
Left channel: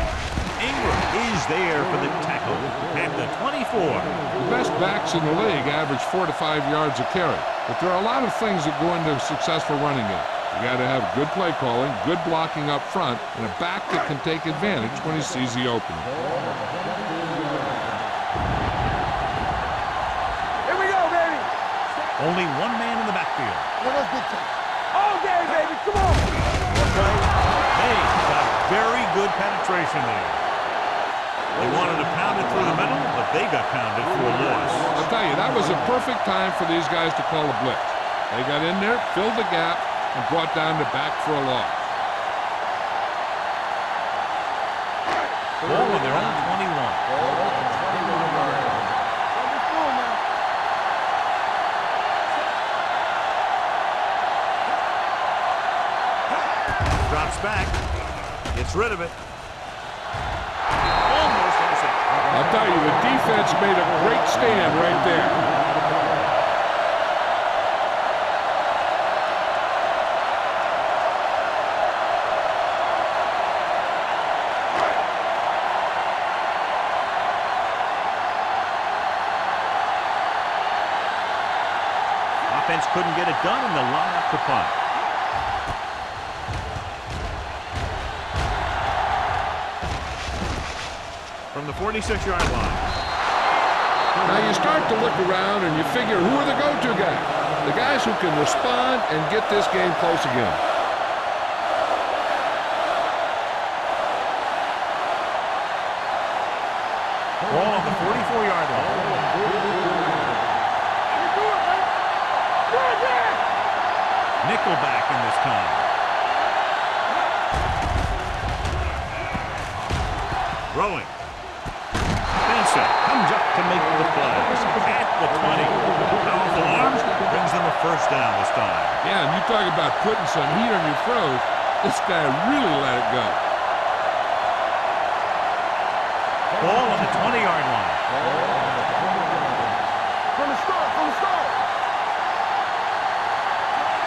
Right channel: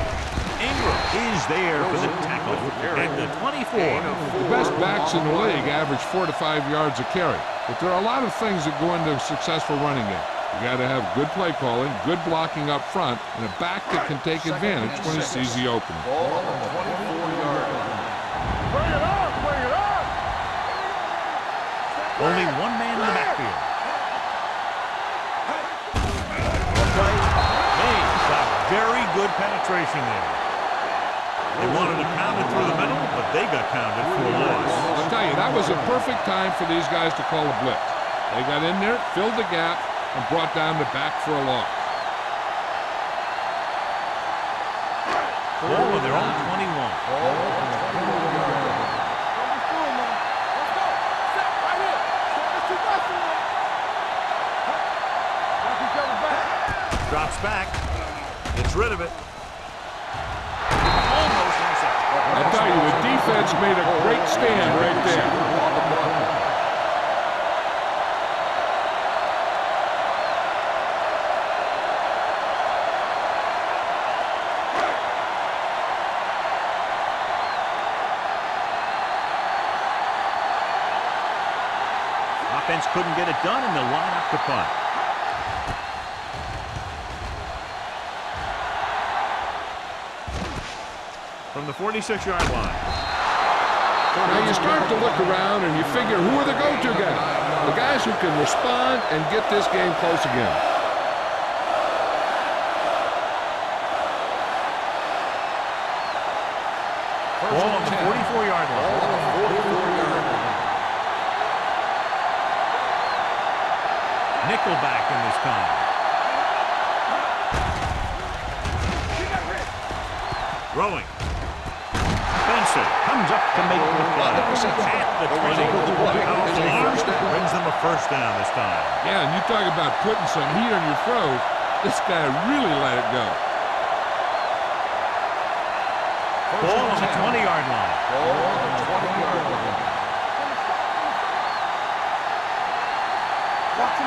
Ingram is there for the tackle at the 24. The best backs in the league average 4 to 5 yards a carry. But there are a lot of things that go into a successful running game. You got to have good play calling, good blocking up front, and a back that can take advantage when he sees the opening. Ball on the 24-yard line. Here we go, baby. Stay. Only one man in the backfield. All day, baby. Come on. Play made. Got very good penetration there. They wanted to pound it through the middle, but they got pounded for a loss. I'll tell you, that was a perfect time for these guys to call a blitz. They got in there, filled the gap, and brought down the back for a loss. Ball on their own 21. Ball on the 21-yard line. Don't be fooled, man. Let's go. Set right here. Set it to back. Drops back. Gets rid of it. Almost intercepted. I'll tell you, the defense made a great stand right there. Offense couldn't get it done, and they'll line up to punt. From the 46-yard line. Now you start to look around and you figure, who are the go-to guys? The guys who can respond and get this game close again. Ball on the 44-yard line. Nickelback in this time. Throwing. Benson comes up to make the play. At the 20. Powerful arms brings them a 1st down this time. Yeah, and you talk about putting some heat on your throws. This guy really let it go. Ball on the 20-yard line. Ball on the 20-yard line. From the start, from the start.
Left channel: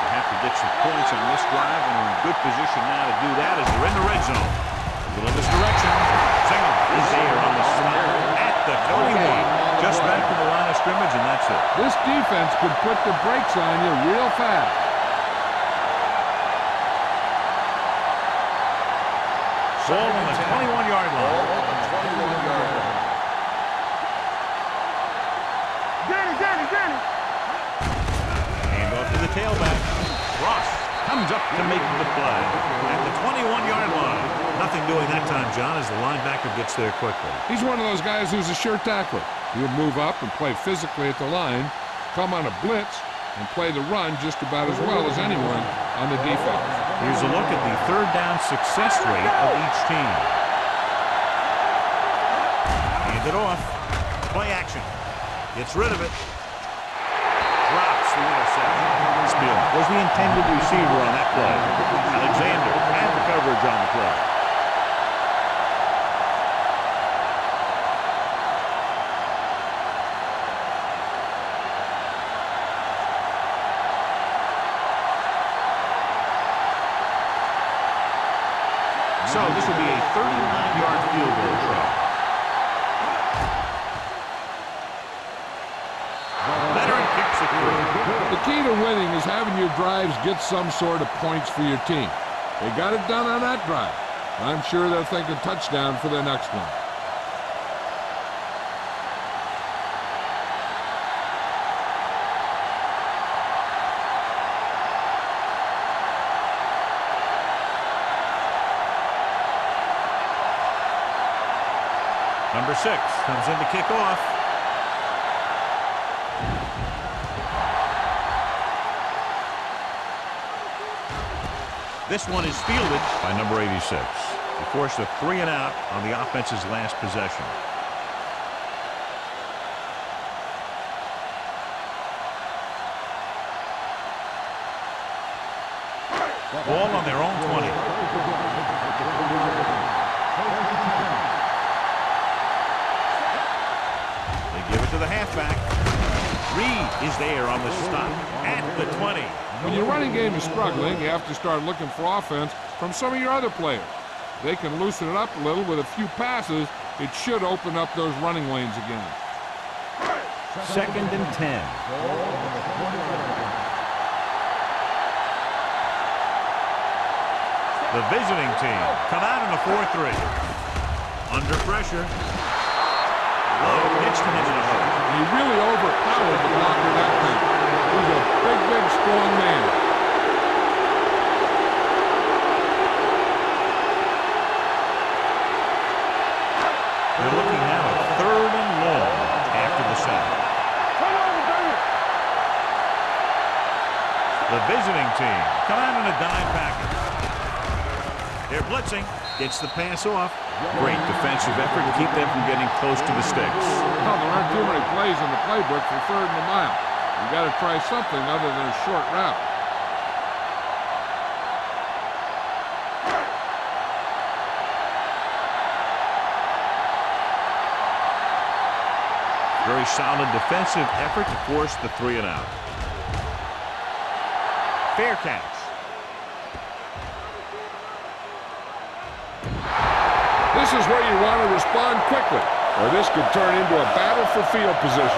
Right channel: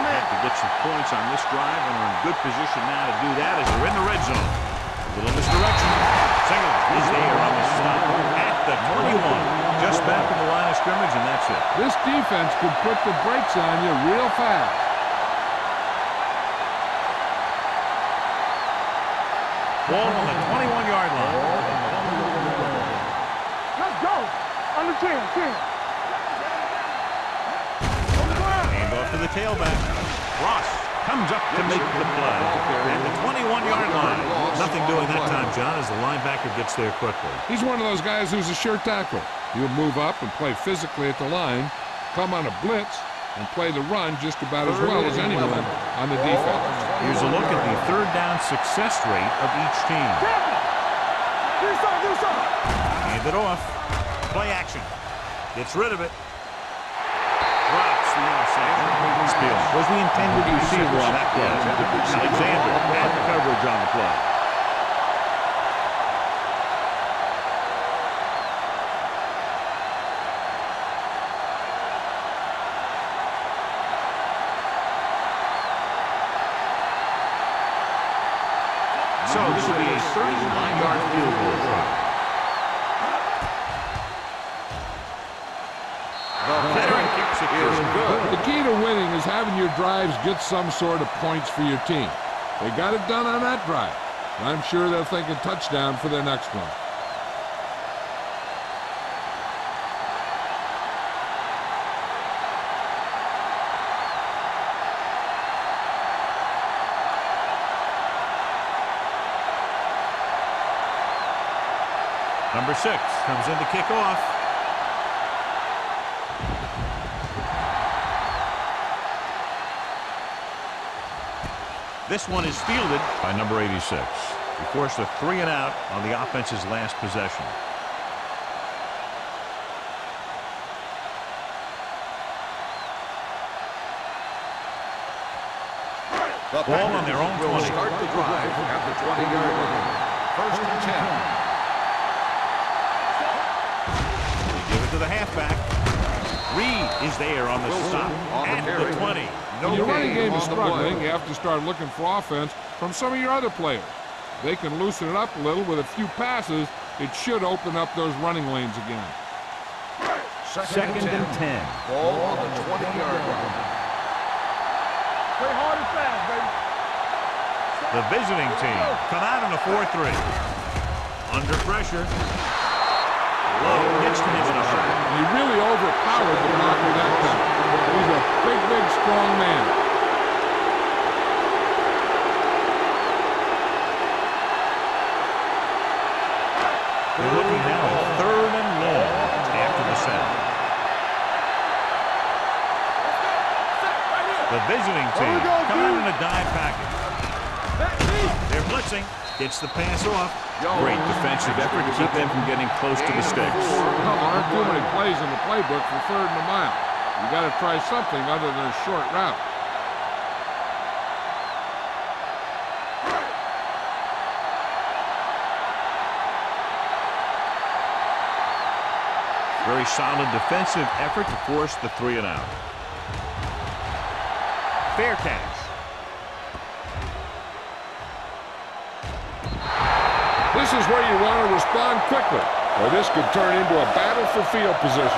They have to get some points on this drive and are in good position now to do that as they're in the red zone. A little misdirection. Single is there on the stop at the 21. Just back to the line of scrimmage, and that's it. This defense could put the brakes on you real fast. Ball on the 21-yard line. Let's go. On the 10. Danny. Hand off to the tailback. Ross comes up to make the play at the 21-yard line. Nothing doing that time, John, as the linebacker gets there quickly. He's one of those guys who's a sure tackler. He'll move up and play physically at the line, come on a blitz, and play the run just about as well as anyone on the defense. Here's a look at the third down success rate of each team. Hand it off. Play action. Gets rid of it. Drops the interception. Spielman was the intended receiver on that play. Alexander had the coverage on the play. So this will be a 39-yard field goal try. The veteran kicks it through. The key to winning is having your drives get some sort of points for your team. They got it done on that drive. And I'm sure they're thinking touchdown for their next one. Number 6 comes in to kick off. This one is fielded by number 86. He forced a 3 and out on the offense's last possession. Ball on their own 20. Start the drive at the 20-yard line. 1st and 10. They give it to the halfback. Reed is there on the stop at the 20. When your running game is struggling, you have to start looking for offense from some of your other players. If they can loosen it up a little with a few passes, it should open up those running lanes again. 2nd and 10. Ball on the 20-yard line. The visiting team come out in a 4-3. Under pressure. Lowe gets to him in a hurry. And he really overpowered the blocker that time. He's a big, strong man. They're looking now at 3rd and long after the sack. The visiting team come out in a dime package. They're blitzing. Gets the pass off. Great defensive effort to keep them from getting close to the sticks. Well, there aren't too many plays in the playbook for 3rd and a mile. You got to try something other than a short route. Very solid defensive effort to force the 3 and out. Fair catch. This is where you want to respond quickly, or this could turn into a battle for field position.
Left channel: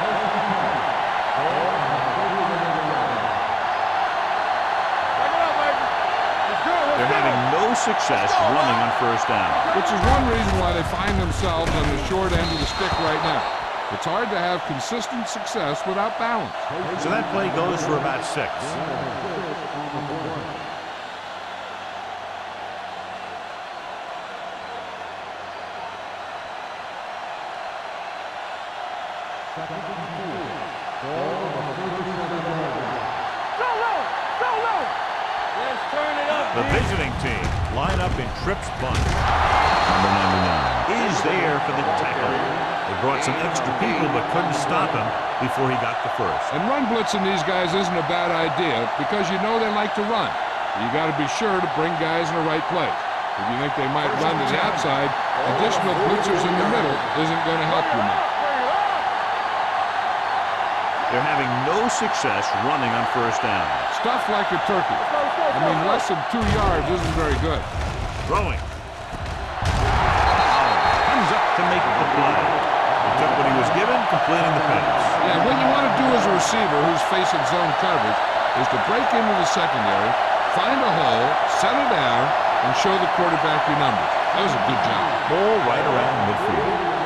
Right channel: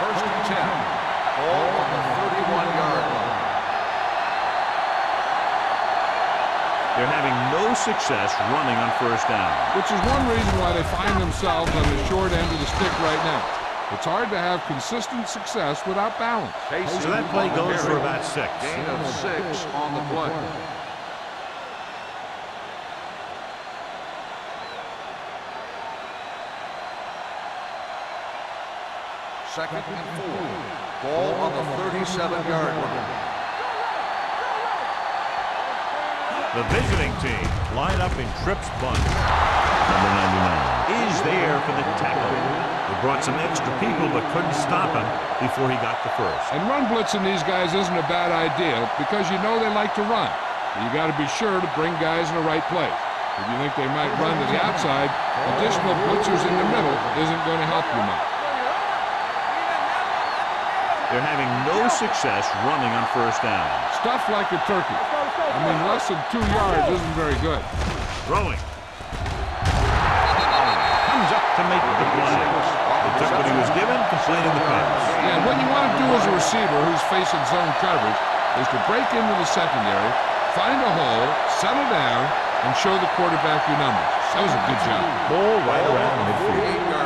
First and 10. Ball on the 31-yard line. They're having no success running on 1st down. Which is one reason why they find themselves on the short end of the stick right now. It's hard to have consistent success without balance. So that play goes for about 6. Gain of 6 on the play. Second and 4. Ball on the 37-yard line. Go low! Let's turn it up. The visiting team line up in trips bunch. Number 99 is there for the tackle. They brought some extra people but couldn't stop him before he got the first. And run blitzing these guys isn't a bad idea because you know they like to run. You got to be sure to bring guys in the right place. If you think they might run to the outside, additional blitzers in the middle isn't going to help you much. They're having no success running on 1st down. Stuff like a turkey. I mean, less than 2 yards isn't very good. Throwing. Collins comes up to make the play. He took what he was given, completing the pass. Yeah, what you want to do as a receiver who's facing zone coverage is to break into the secondary, find a hole, settle down, and show the quarterback your numbers. That was a good job. Ball right around midfield.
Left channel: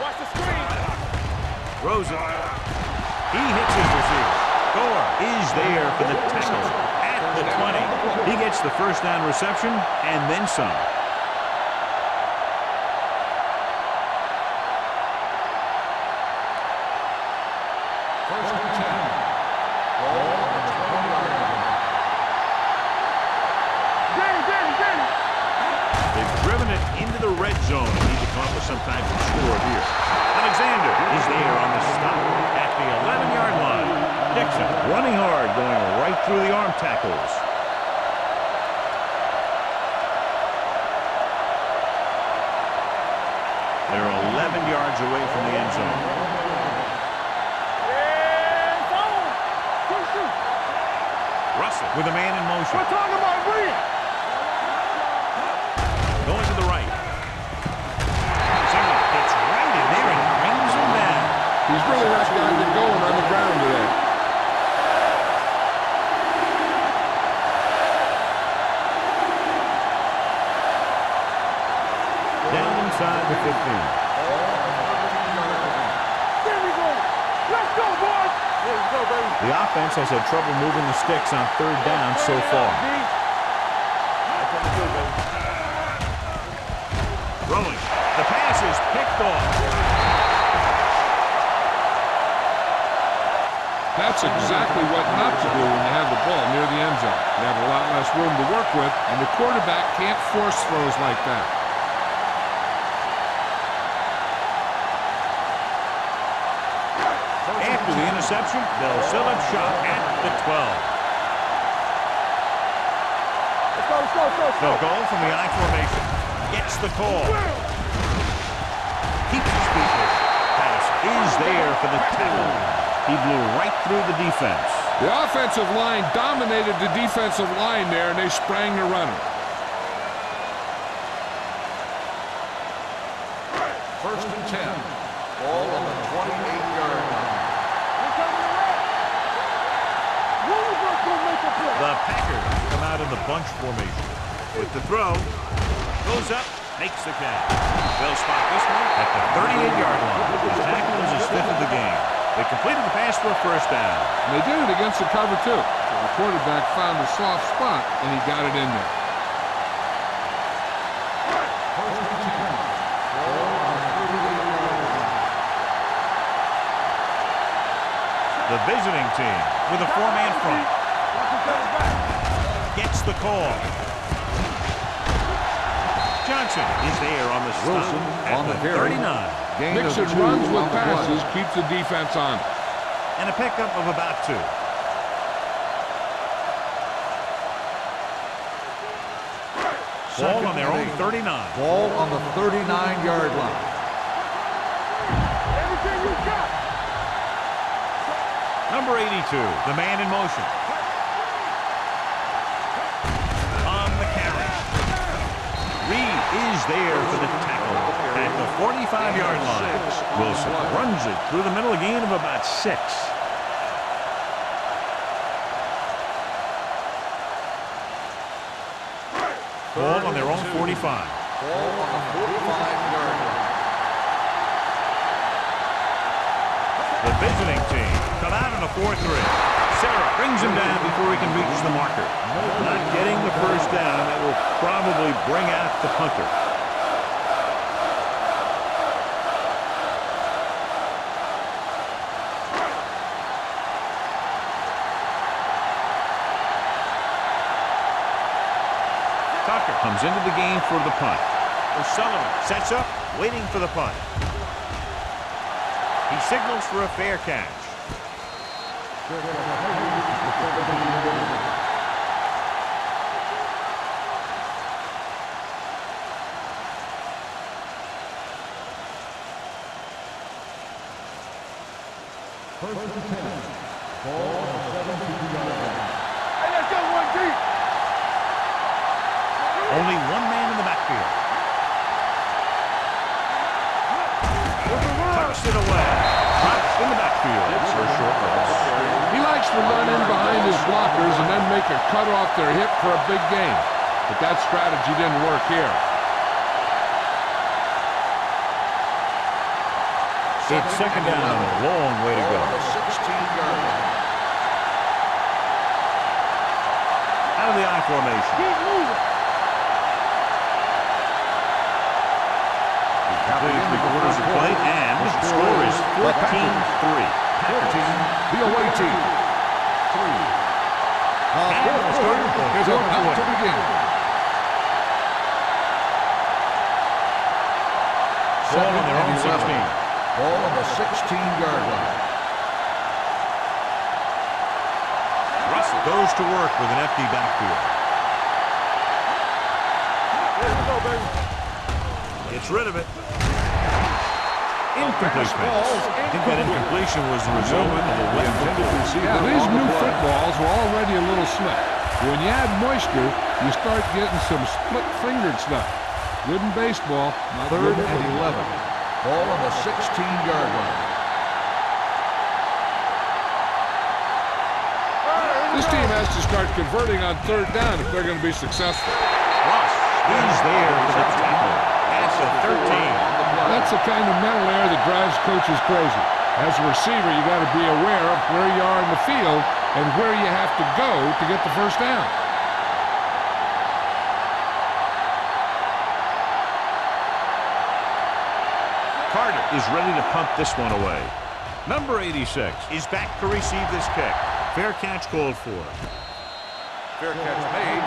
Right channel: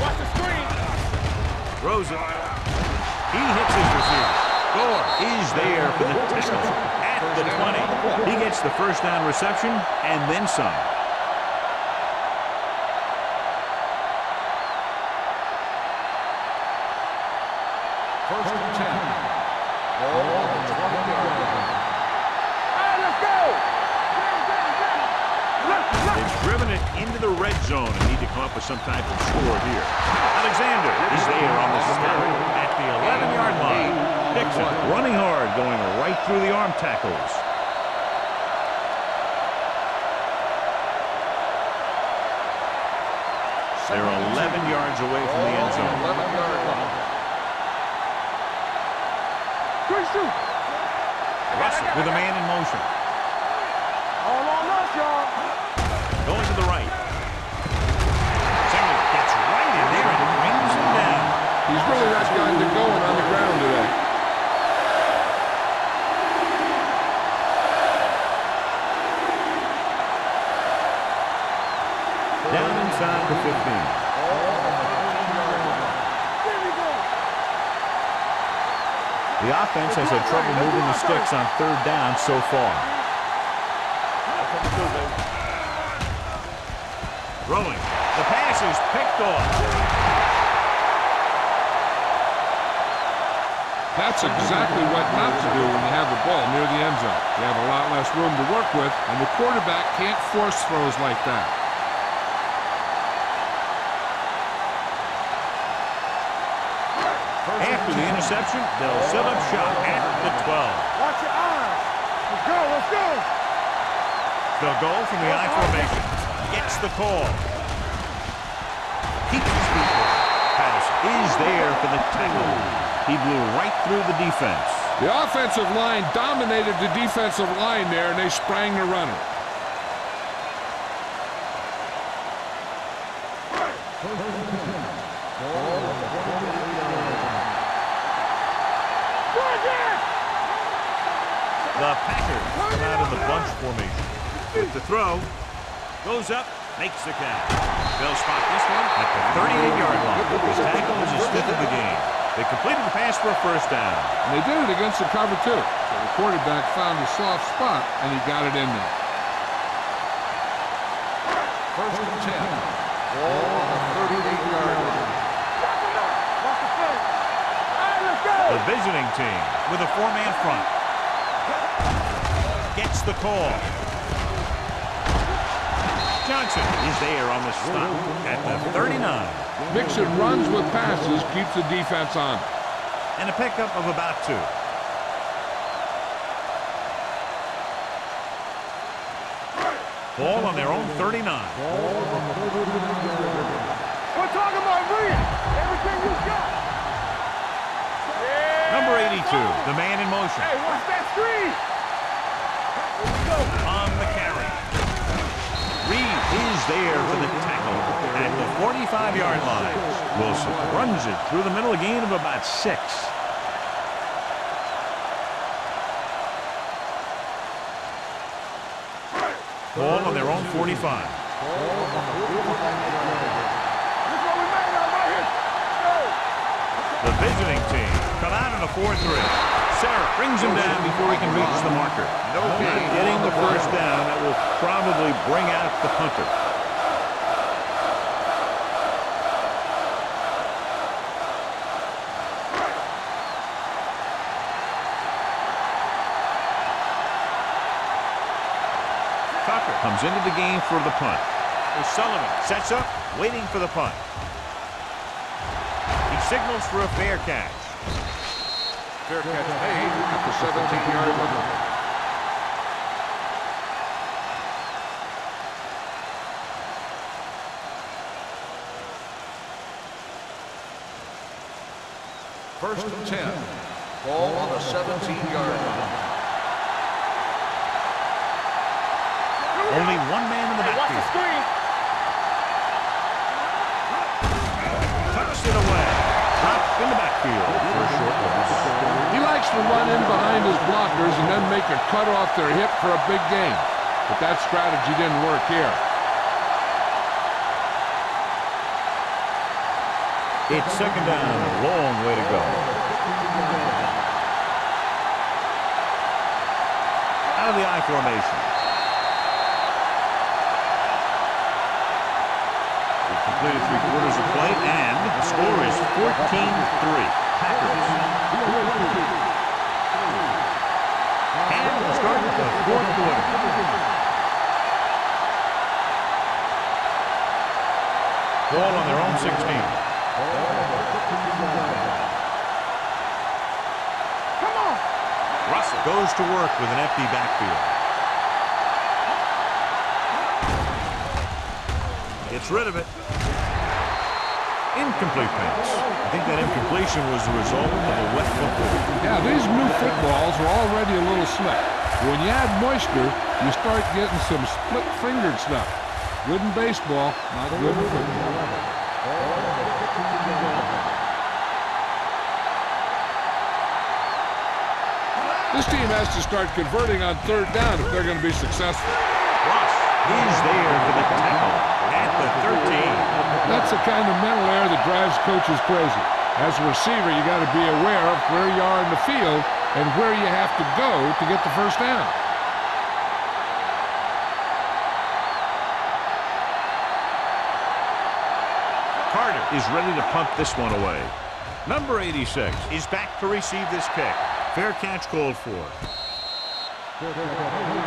watch the screen. Throws it. He hits his receiver. Gore is there for the tackle at the 20. He gets the first down reception and then some. First and 10. Ball on the 20-yard line. They've driven it into the red zone and need to come up with some type of score here. Alexander is there on the stop at the 11-yard line. Dixon running hard, going right through the arm tackles. They're 11 yards away from the end zone. Russell with a man in motion. Going to the right. Singer gets right in there and brings him down. He's really not gotten it going on the ground today. Down inside the 15. Ball on the 13-yard line. There we go. Let's go, boys. Here we go, baby. The offense has had trouble moving the sticks on third down so far. That's what we do, baby. Throwing. The pass is picked off. That's exactly what not to do when you have the ball near the end zone. You have a lot less room to work with, and the quarterback can't force throws like that. After the interception, they'll set up shop at the 12. Watch your eyes. Let's go, let's go. Let's go. They'll go from the I formation. Gets the call. Keeps his feet moving. Patterson is there for the tackle. He blew right through the defense. The offensive line dominated the defensive line there, and they sprang the runner. First and 10. Ball on the 28-yard line. The Packers come out in the bunch formation. With the throw, goes up, makes the catch. They'll spot this one at the 38-yard line. His tackle is his fifth of the game. They completed the pass for a first down. And they did it against the cover, too. So the quarterback found a soft spot, and he got it in there. First and 10. Ball on the 38-yard line. The visiting team with a four-man front. Gets the call. Johnson is there on the stop at the 39. Mixing runs with passes keeps the defense on it. And a pickup of about 2. Ball on their own 39. Ball on the 39-yard line. We're talking about read. Everything you got. Number 82, the man in motion. Watch that screen. On the carry. Reed is there for the tackle at the 45-yard line. Wilson runs it through the middle, a gain of about 6. Ball on their own 45. Ball on the 45-yard line. The visiting team come out in a 4-3. Sarah brings him down before he can reach the marker. Not getting the first down. That will probably bring out the punter. Tucker comes into the game for the punt. O'Sullivan sets up, waiting for the punt. He signals for a fair catch. Fair catch made at the 17-yard line. First and 10. Ball on the 17-yard line. Only one man in the backfield. Tucks it away. Dropped in the backfield for a short loss. He likes to run in behind his blockers and then make a cut off their hip for a big gain. But that strategy didn't work here. It's second down and a long way to go. 16-yard line. Out of the I formation. We've completed 3/4 of play, and the score is 14-3. Packers. The away team. 3. And we'll start the fourth quarter. Ball on their own 16. Ball on the 16-yard line. Russell goes to work with an empty backfield. Gets rid of it. Incomplete pass. I think that incompletion was the result of a wet football. Yeah, these new footballs are already a little slick. When you add moisture, you start getting some split-fingered stuff. Good in baseball, not good in football. 11. Ball on the 16-yard line. This team has to start converting on third down if they're going to be successful. Ross is there for the tackle at the 13. That's the kind of mental error that drives coaches crazy. As a receiver, you got to be aware of where you are in the field and where you have to go to get the first down. Carter is ready to punt this one away. Number 86 is back to receive this kick. Fair catch called for. Fair catch made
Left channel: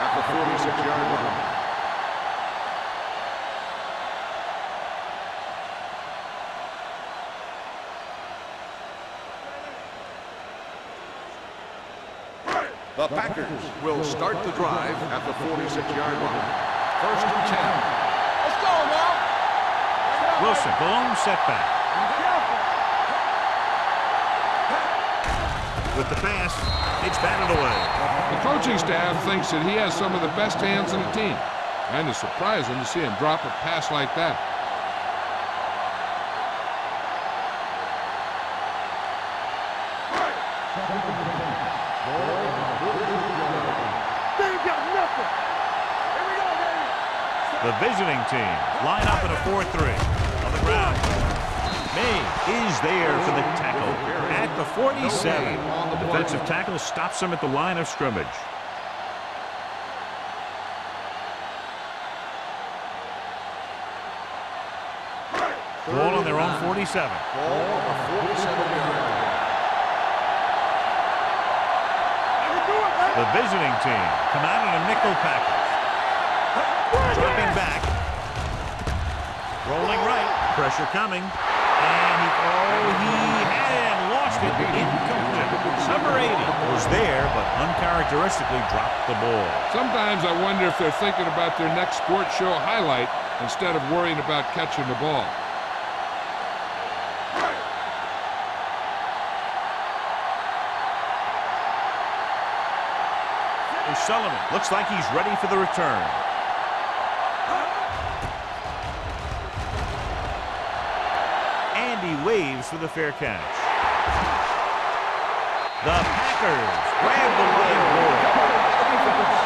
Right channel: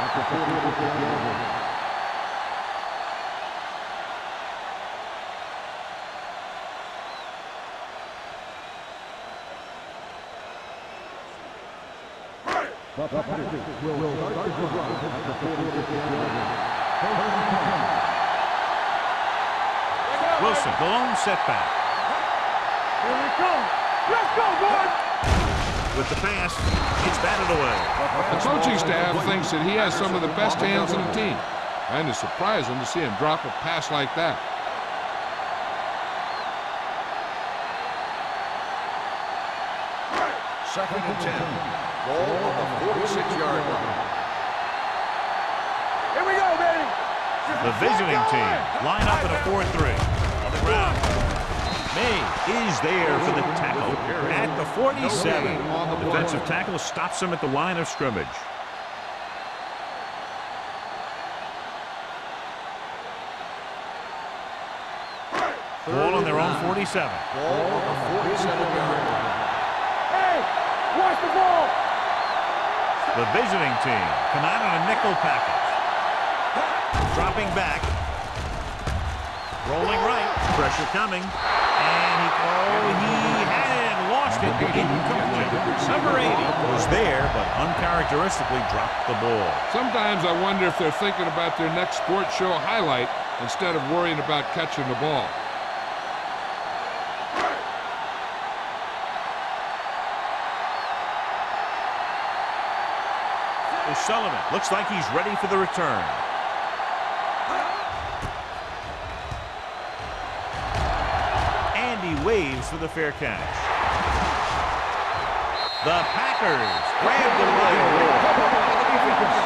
at the 46-yard line. The Packers will start the drive at the 46-yard line. First and 10. Let's go, man. Wilson, the lone setback. Let's go, boy. With the pass, it's batted away. The coaching staff thinks that he has some of the best hands in the team. And it's surprising to see him drop a pass like that. Second and 10. Ball on the 46-yard line. They ain't got nothing. Here we go, baby. The visiting team line up in a 4-3 on the ground. May is there for the tackle at the 47. Defensive tackle stops him at the line of scrimmage. Ball on their own 47. Ball on the 47-yard line. Hey, watch the ball. I can do it, man. The visiting team come out in a nickel package. Dropping back. Rolling right. Pressure coming. And he had it and lost it. Incomplete. Number 80 was there, but uncharacteristically dropped the ball. Sometimes I wonder if they're thinking about their next sports show highlight instead of worrying about catching the ball. O'Sullivan looks like he's ready for the return. And he waves for the fair catch. The Packers grab the line ball. Covered by the defense.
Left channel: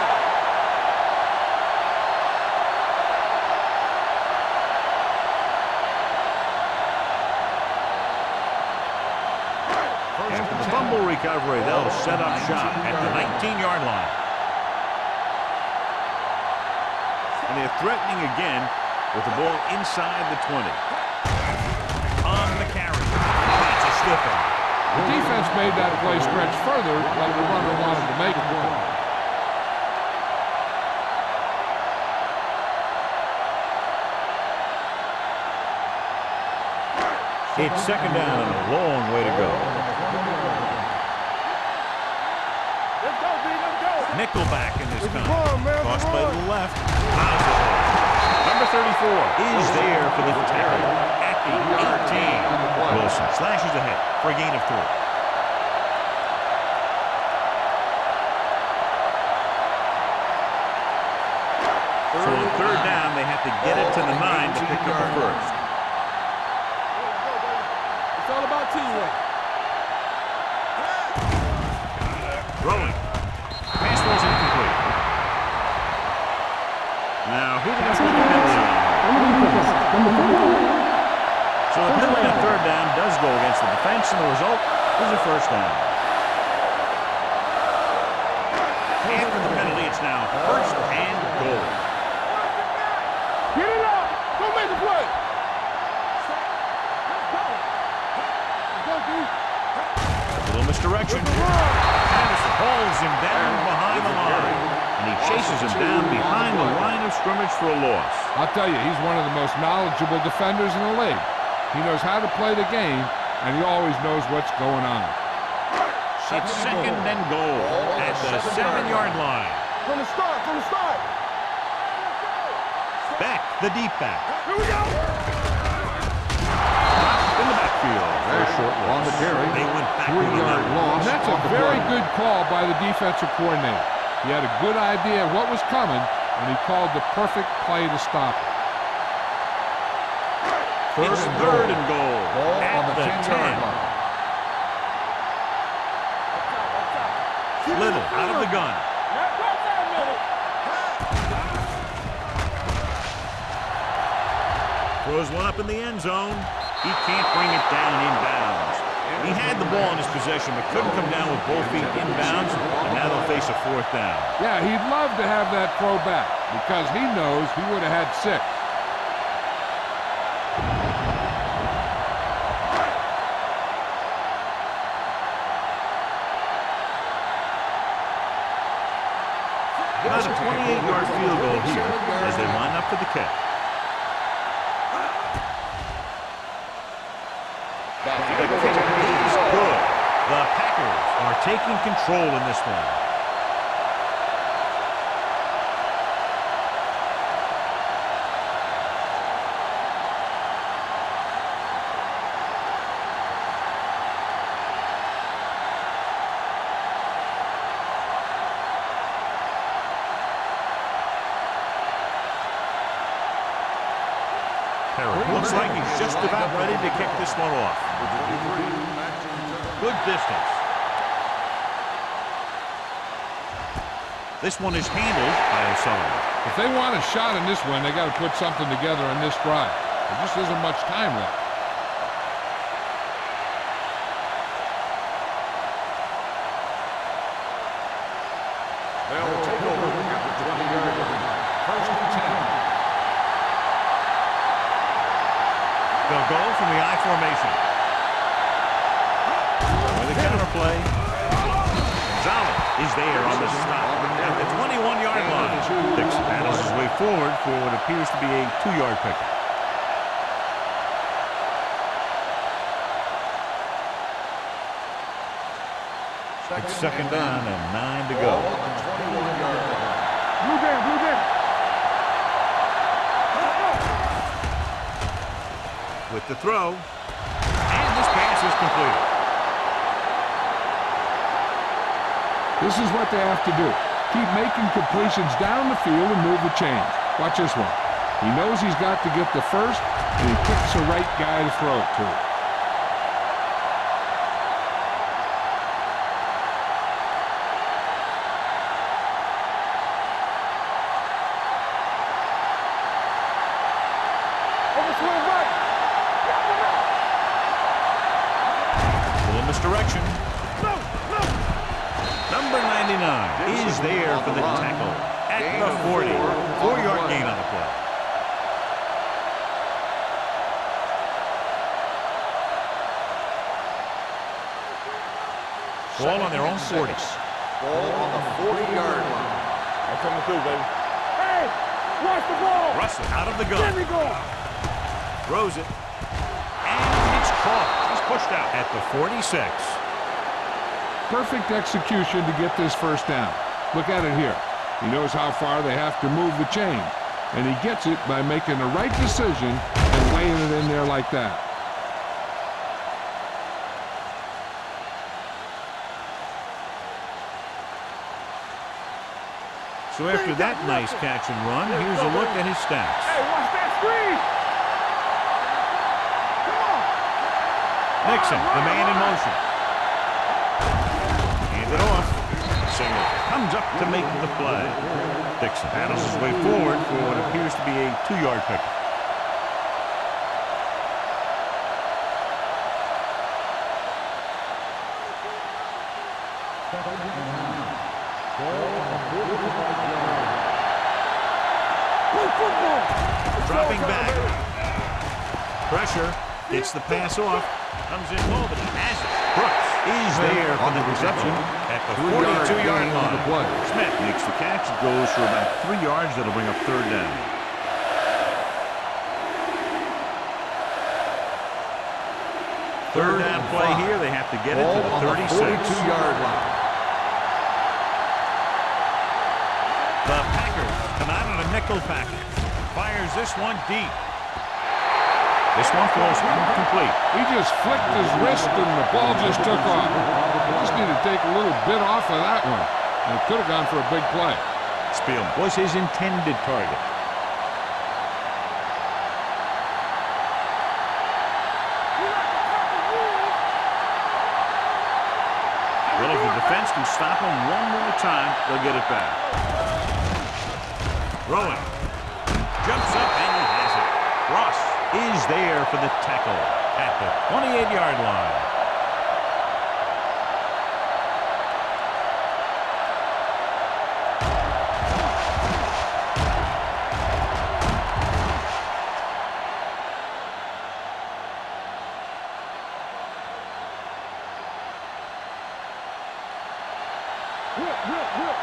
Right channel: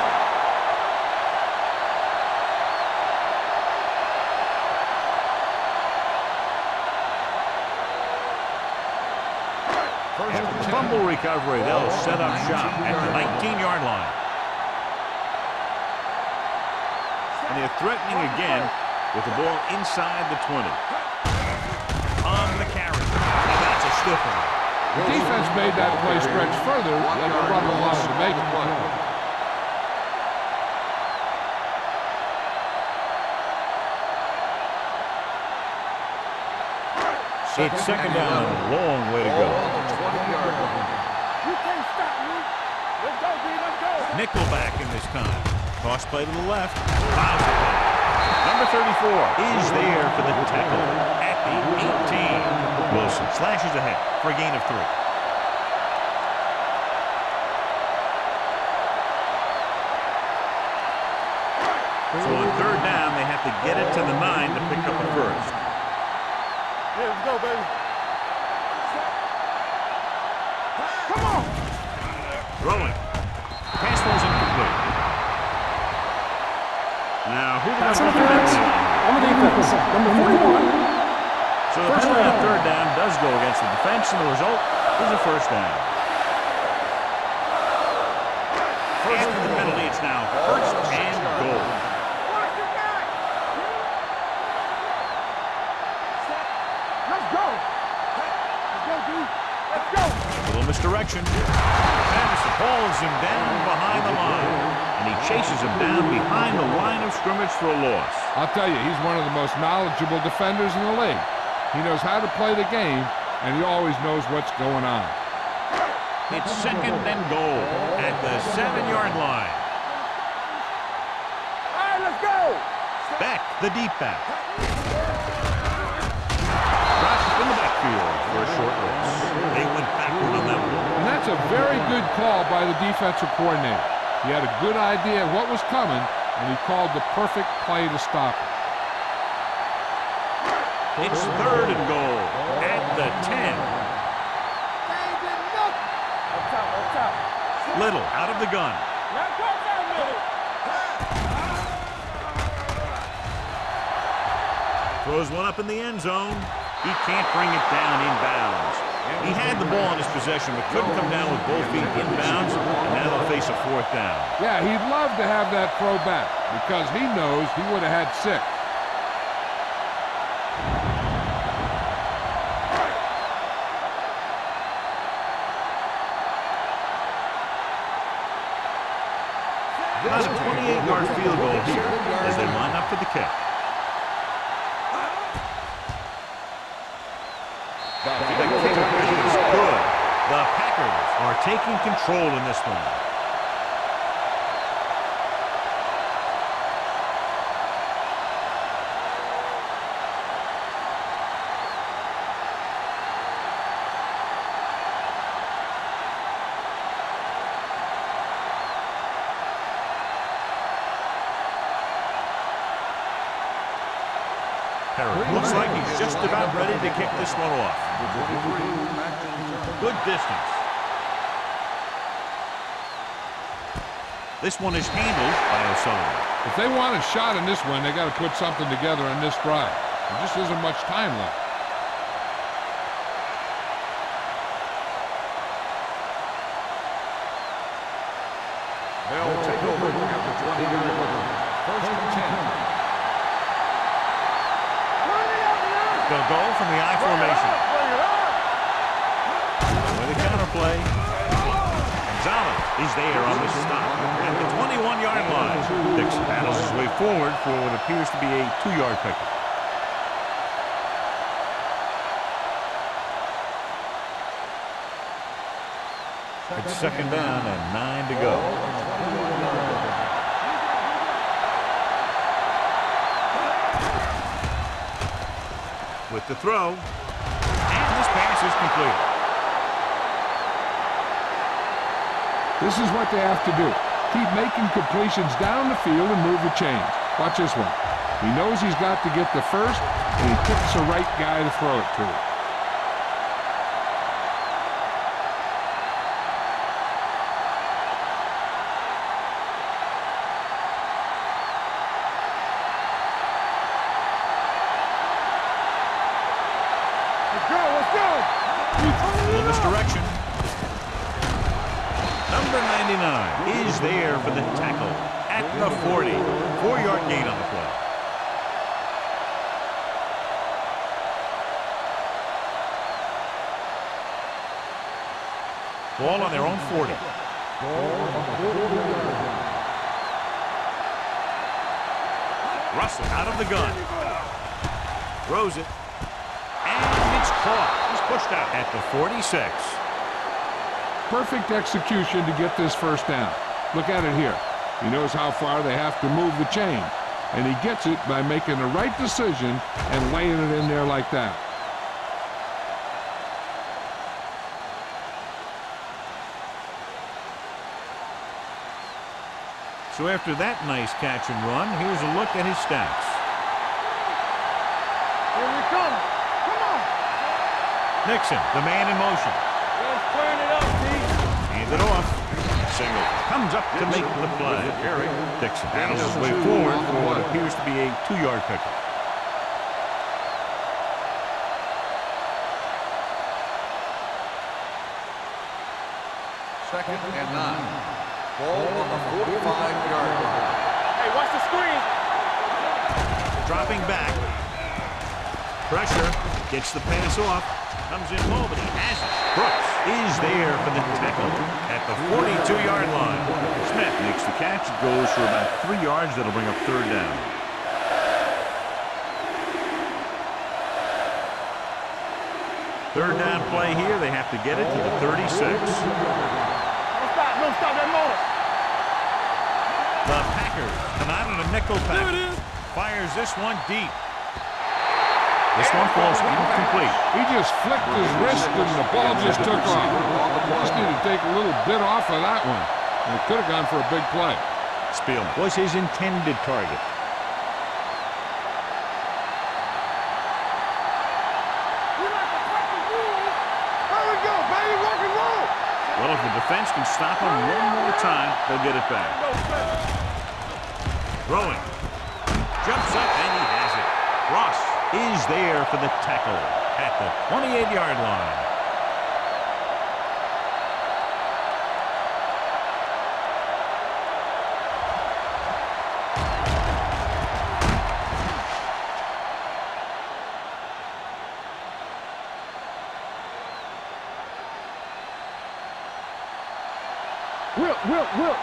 After the fumble recovery, they'll set up shop at the 19-yard line. And they're threatening again with the ball inside the 20. On the carry. Now that's a stiff one. The defense made that play stretch further than the runner wanted to make it. It's second down and a long way to go. You can't stop me. Let's go, B. Let's go. Nickelback in this time. Toss play to the left. Fouls the ball. Number 34 is there for the tackle at the 18. Wilson slashes ahead for a gain of 3. So on third down, they have to get it to the 9 to pick up the first. Yeah, let's go, baby. It's all about teamwork. Throwing. Pass ball's incomplete. Now, who are they going to put the penalty on here? On the defense, number 41, So the penalty on third down does go against the defense, and the result is a first down. After the penalty, it's now first and goal. Watch your back. Get it up. Go make the play. Set. Let's go. Let's go, dude. Let's go. A little misdirection. Patterson hauls him down behind the line, and he chases him down behind the line of scrimmage for a loss. I'll tell you, he's one of the most knowledgeable defenders in the league. He knows how to play the game, and he always knows what's going on. It's second and goal at the 7-yard line. From the start, from the start. All right, let's go. Back, the deep back. Here we go. Dropped in the backfield for a short loss. They went backward on that one. And that's a very good call by the defensive coordinator. He had a good idea of what was coming, and he called the perfect play to stop it. It's third and goal at the 10. Up top. Little out of the gun. Now go down, minute. Throws one up in the end zone. He can't bring it down inbounds. He had the ball in his possession, but couldn't come down with both feet inbounds, and now they'll face a fourth down. Yeah, he'd love to have that throw back because he knows he would have had 6. About a 28-yard field goal here as they line up for the kick. The kick is good. The Packers are taking control in this one. Looks like he's just about ready to kick this one off. Number 23, back to return. Good distance. This one is handled by O'Sullivan. If they want a shot in this one, they got to put something together on this drive. There just isn't much time left. They'll take over at the 20-yard line. First and 10. They'll go from the I formation. With a counterplay. Gonzalez is there on the stop at the 21-yard line. Dix paddles his way forward for what appears to be a 2-yard pickup. It's second down and 9 to go. On the 21-yard line. With the throw, and this pass is completed. This is what they have to do. Keep making completions down the field and move the chains. Watch this one. He knows he's got to get the first, and he picks the right guy to throw it to. Misdirection. Number 99 is there for the tackle at the 40. 4-yard gain on the play. Ball on their own 40. Ball on the 40-yard line. That's coming through, baby. Hey, watch the ball. Russell out of the gun. Throws it. And it's caught. He's pushed out at the 46. Perfect execution to get this first down. Look at it here. He knows how far they have to move the chains, and he gets it by making the right decision and laying it in there like that. So after that nice catch and run, here's a look at his stats. Hey, watch that screen. Come on. Nixon, the man in motion. Hand it off. Singleton comes up to make the play. Dixon battles his way forward for what appears to be a 2-yard pickup. 2nd and 9. Ball on the 45-yard line. Hey, watch the screen. Dropping back. Pressure. Gets the pass off. Comes in low, but he has it. Brooks is there for the tackle at the 42-yard line. Smith makes the catch. It goes for about 3 yards. That'll bring up 3rd down. Third down play here. They have to get it to the 36. The Packers come out on a nickel package. Fires this one deep. This one falls incomplete. He just flicked his wrist and the ball just took off. He just needed to take a little bit off of that one. And it could have gone for a big play. Spielman was his intended target. Well, if the defense can stop him one more time, they'll get it back. Throwing. Jumps up and he has it. Ross is there for the tackle at the 28-yard line. Will.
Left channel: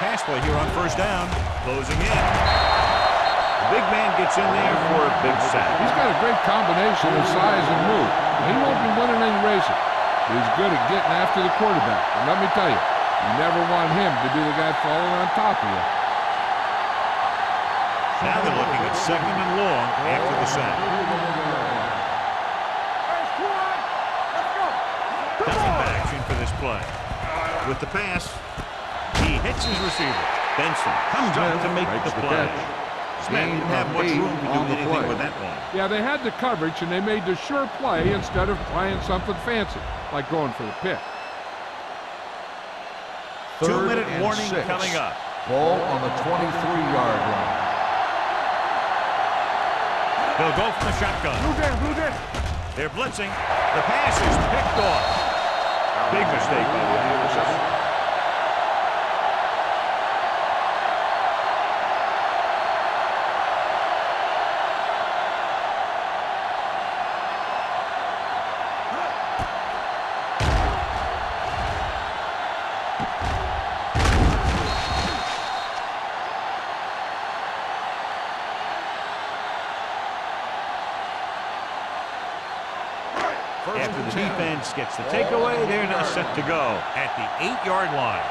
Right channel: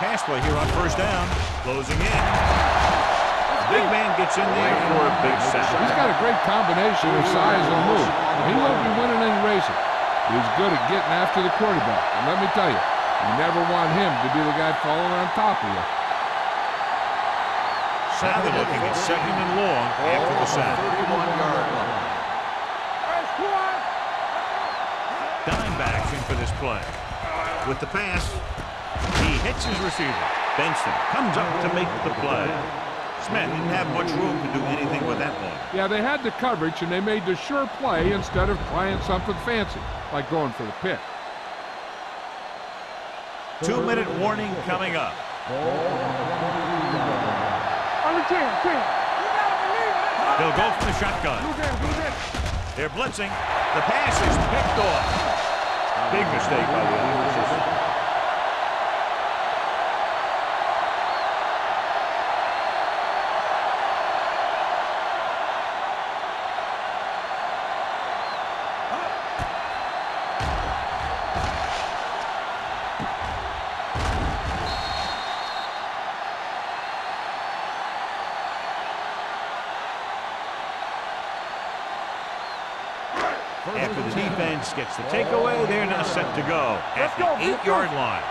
Pass play here on 1st down. Closing in. The big man gets in there for a big sack. He's got a great combination of size and move. Now, he won't be winning any races, but he's good at getting after the quarterback. And let me tell you, you never want him to be the guy falling on top of you. Now they're looking at 2nd and long after the sack. Hey, squad, let's go. Dimebacks in for this play. With the pass, he hits his receiver. Benson comes up to make the play. Smith didn't have much room to do anything with that one. Yeah, they had the coverage, and they made the sure play instead of trying something fancy, like going for the pick. 2-minute warning coming up. Ball on the 23-yard line. On the 10. They'll go from the shotgun. Blue down. They're blitzing. The pass is picked off. Big mistake by the offense. After the defense gets the takeaway, they're now set to go at the 8-yard line.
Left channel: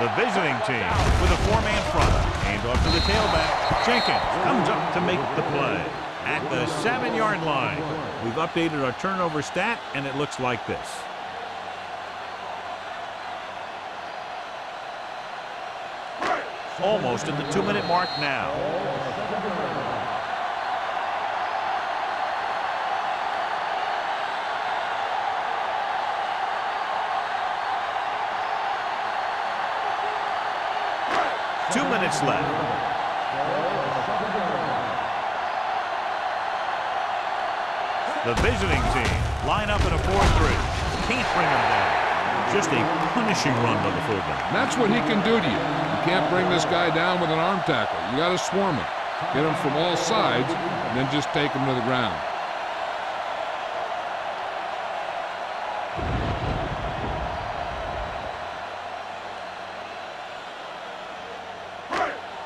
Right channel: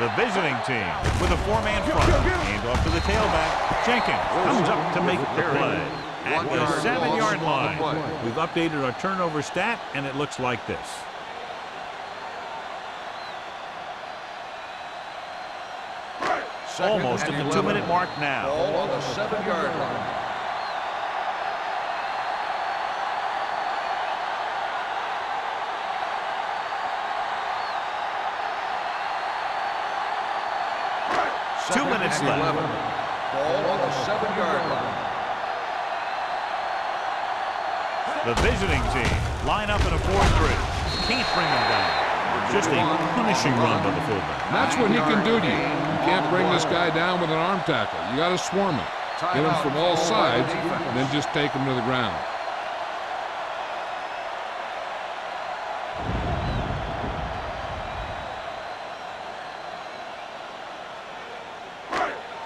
The visiting team with a 4-man front. Hand off to the tailback. Jenkins comes up to make the play at the 7-yard line. We've updated our turnover stat, and it looks like this. Almost at the 2-minute mark now. Ball on the 7-yard line. Two minutes left. Ball on the 7-yard line. The visiting team line up in a 4-3. Can't bring them down. Just a punishing run by the fullback. And that's what he can do to you. You can't bring this guy down with an arm tackle. You got to swarm him. Get him from all sides, and then just take him to the ground.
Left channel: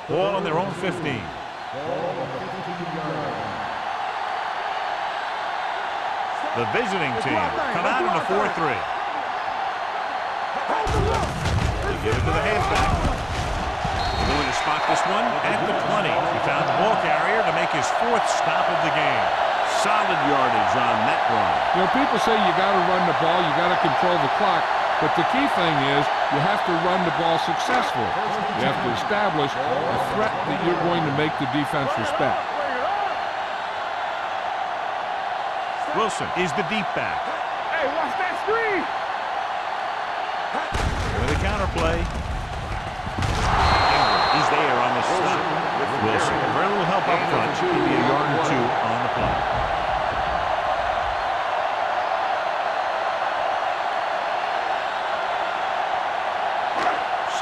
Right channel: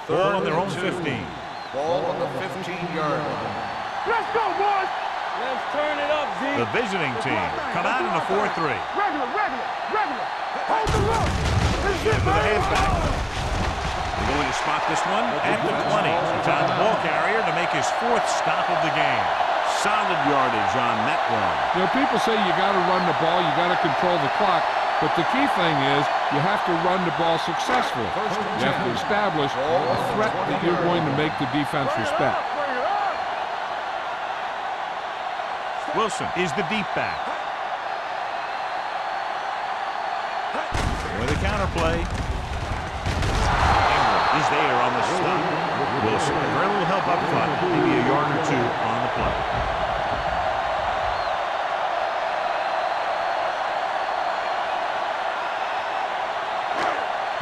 Ball on their own 15. Ball on the 15-yard line. Let's go, boys. Let's turn it up, Z. The visiting team come out in a 4-3. Hold the look. They give it to the halfback. They're going to spot this one at the 20. He found the ball carrier to make his 4th stop of the game. Solid yardage on that run. You know, people say you got to run the ball, you got to control the clock, but the key thing is you have to run the ball successfully. You have to establish a threat that you're going to make the defense respect. Bring it up. Wilson is the deep back. Hey, watch that screen. With a counter play. Ingram is there on the stop. Wilson had very little help up front, maybe a yard or two on the play.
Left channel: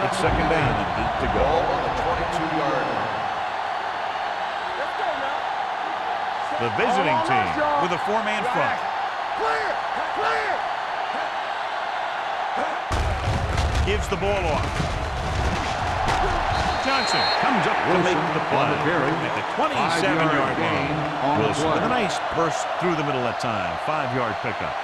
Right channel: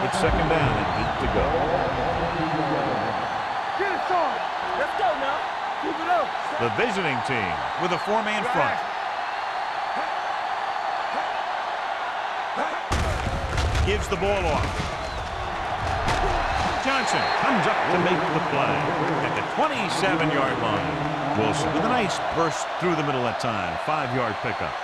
It's second down and 8 to go. Let's go now. Keep it up. The visiting team with a four-man front. Gives the ball off. Johnson comes up to make the play at the 27-yard line. Wilson with a nice burst through the middle that time. 5-yard pickup.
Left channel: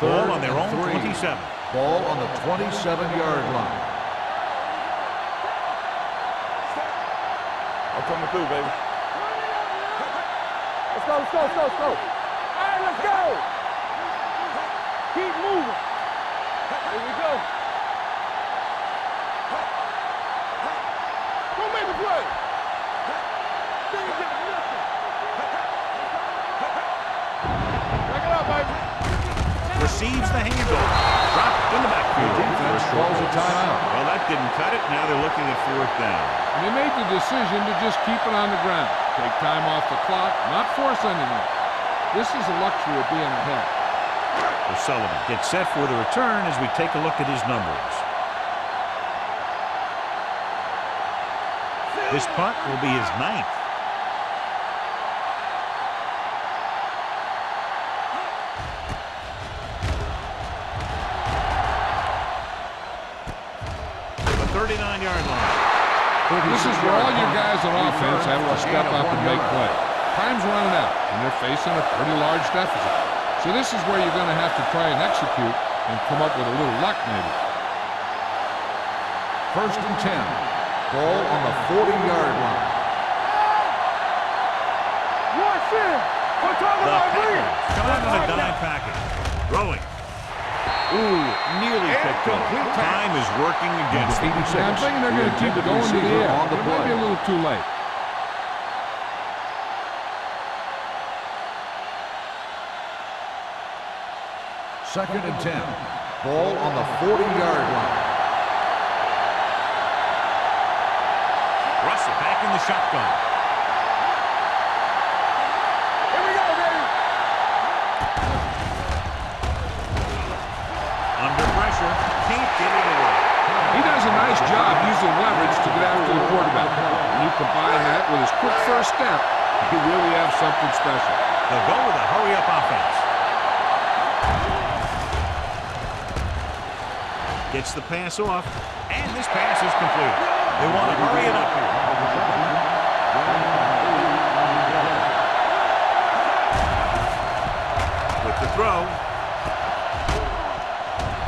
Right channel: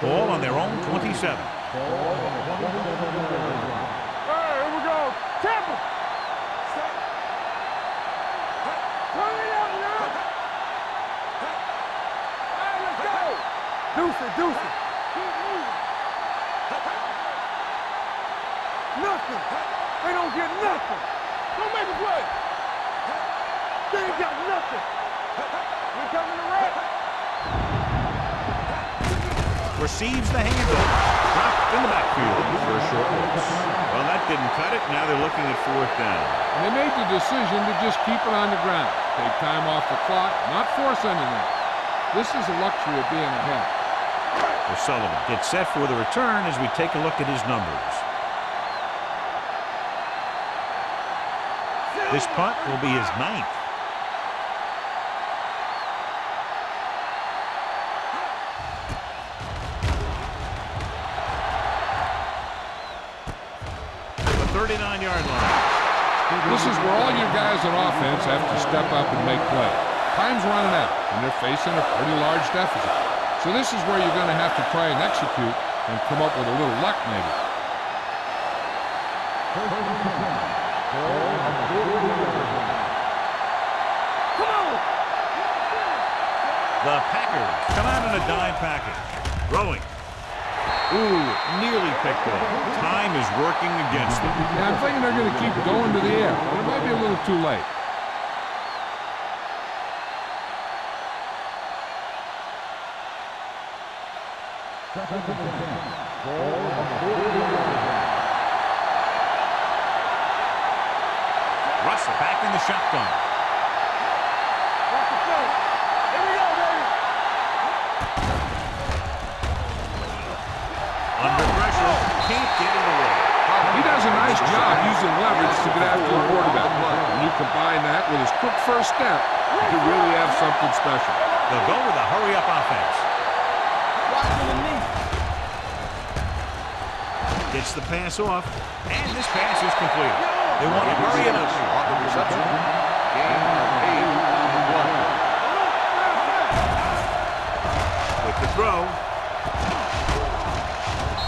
Ball on their own 27. Ball on the 27-yard line. Here we go. Tackle. Set. I'm coming through, baby. Run it up now. Let's go, let's go, let's go, let's go. All right, let's go. Deuce it, deuce it. Keep moving. Here we go. Nothing. They don't get nothing. Don't make a play. They ain't got nothing. We coming to run. Back it up, baby. Receives the handoff. Dropped in the backfield for a short loss. Well, that didn't cut it. Now they're looking at 4th down. And they made the decision to just keep it on the ground. Take time off the clock, not force anything. This is a luxury of being ahead. O'Sullivan gets set for the return as we take a look at his numbers. This punt will be his 9th. The 39-yard line. This is where all your guys on offense have to step up and make play. Time's running out, and they're facing a pretty large deficit. So this is where you're going to have to try and execute and come up with a little luck, maybe. 1st and 10. Ball on the 40-yard line. The Packers come out in a dime package. Throwing. Ooh, nearly picked off. Time is working against them. Yeah, I'm thinking they're going to keep going to the air, but it might be a little too late. Second and 10. Ball on the 40-yard line. Russell back in the shotgun. Here we go, baby. Under pressure, can't get it away. He does a nice job using leverage to get after the quarterback. When you combine that with his quick first step, you really have something special. They'll go with a hurry-up offense. Gets the pass off, and this pass is completed. They want to hurry it up here. With the throw.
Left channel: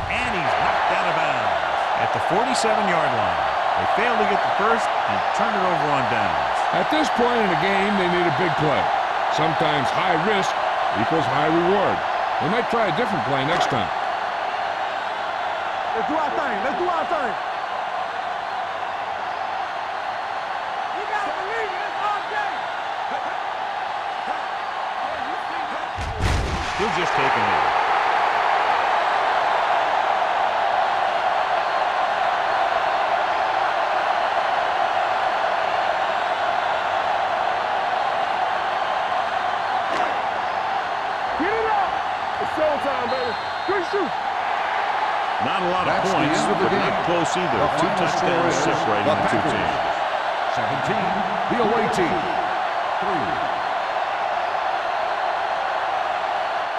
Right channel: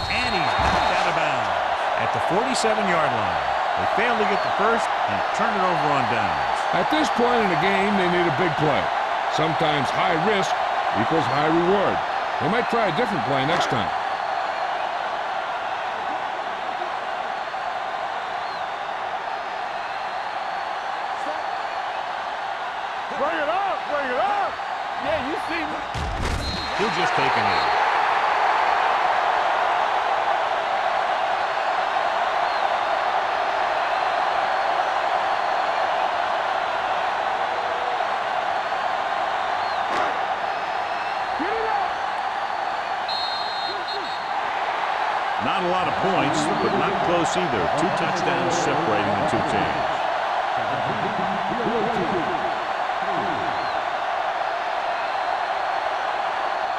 And he's knocked out of bounds at the 47-yard line. They fail to get the first and turn it over on downs. At this point in the game, they need a big play. Sometimes high risk equals high reward. They might try a different play next time. Let's do our thing. Let's do our thing. You got to lead it. That's all day. Bring it up. Bring it up. Yeah, you see me. He'll just take a knee. Get it up. It's showtime, baby. Shoot. Not a lot of points, but not close either. 2 touchdowns separating the two teams. 17. The away team.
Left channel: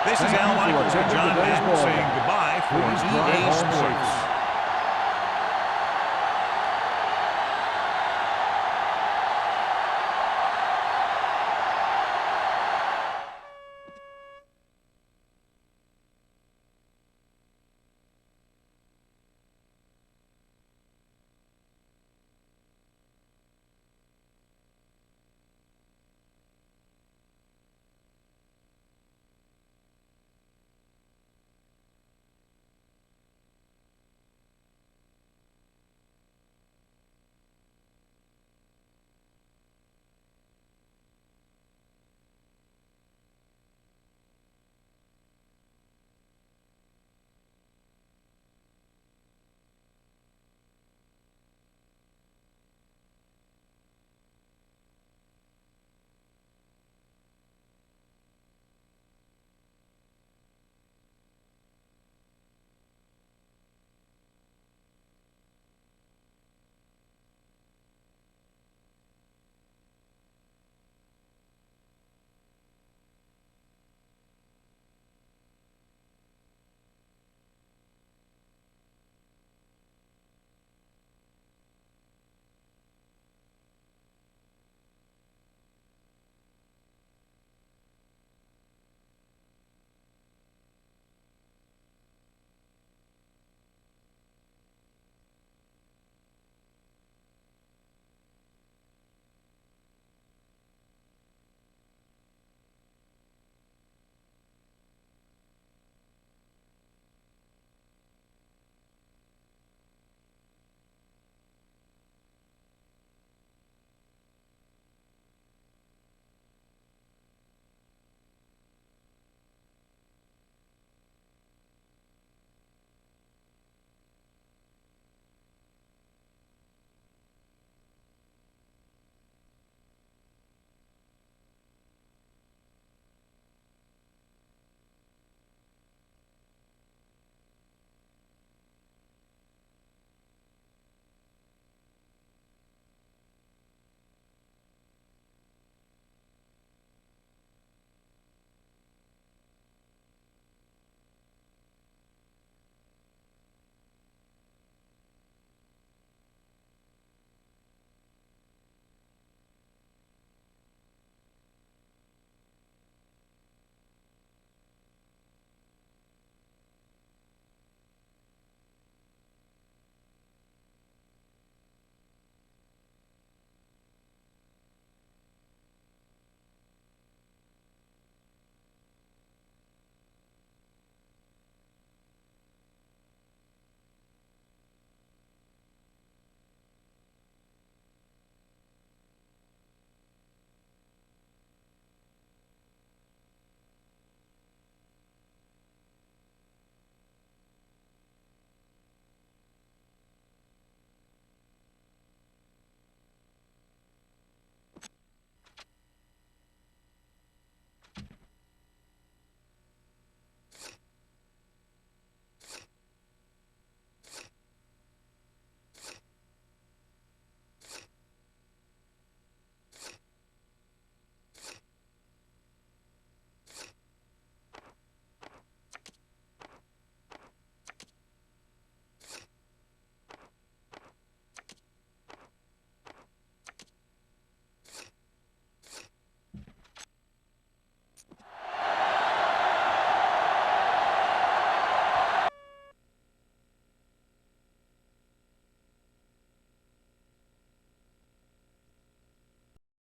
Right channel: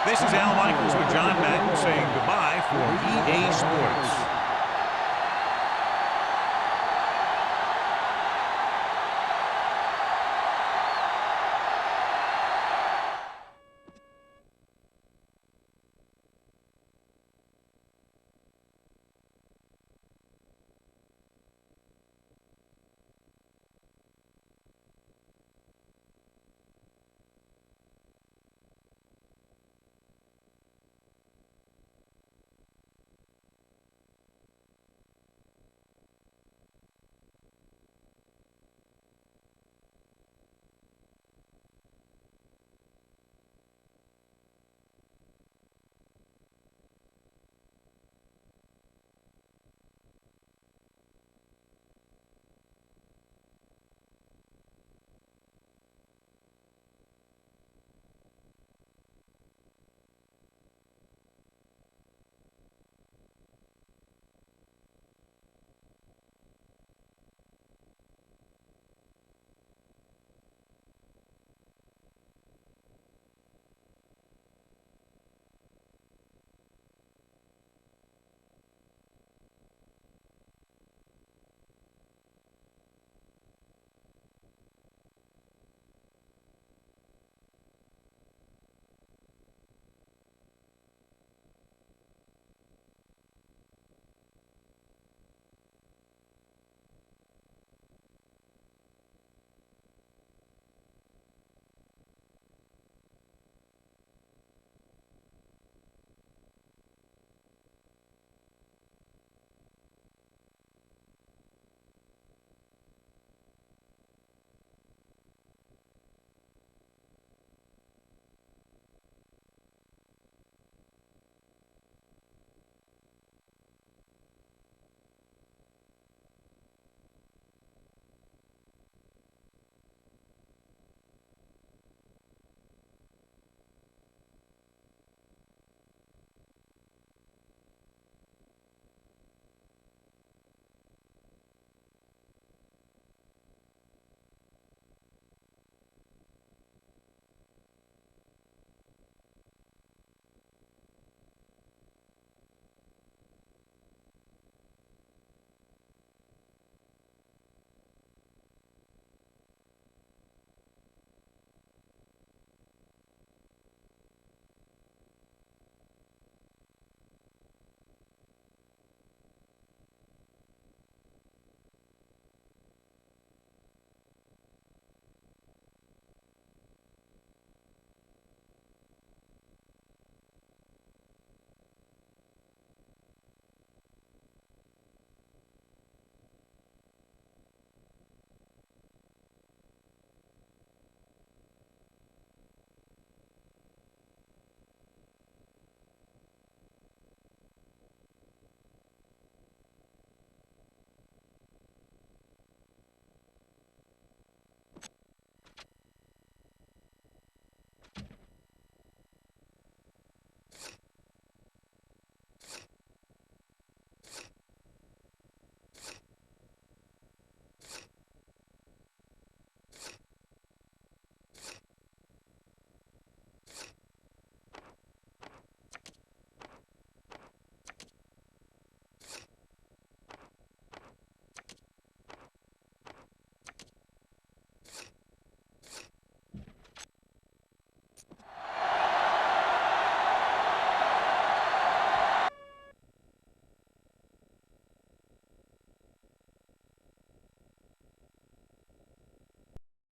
3. This is Al Michaels with John Madden saying goodbye for EA Sports.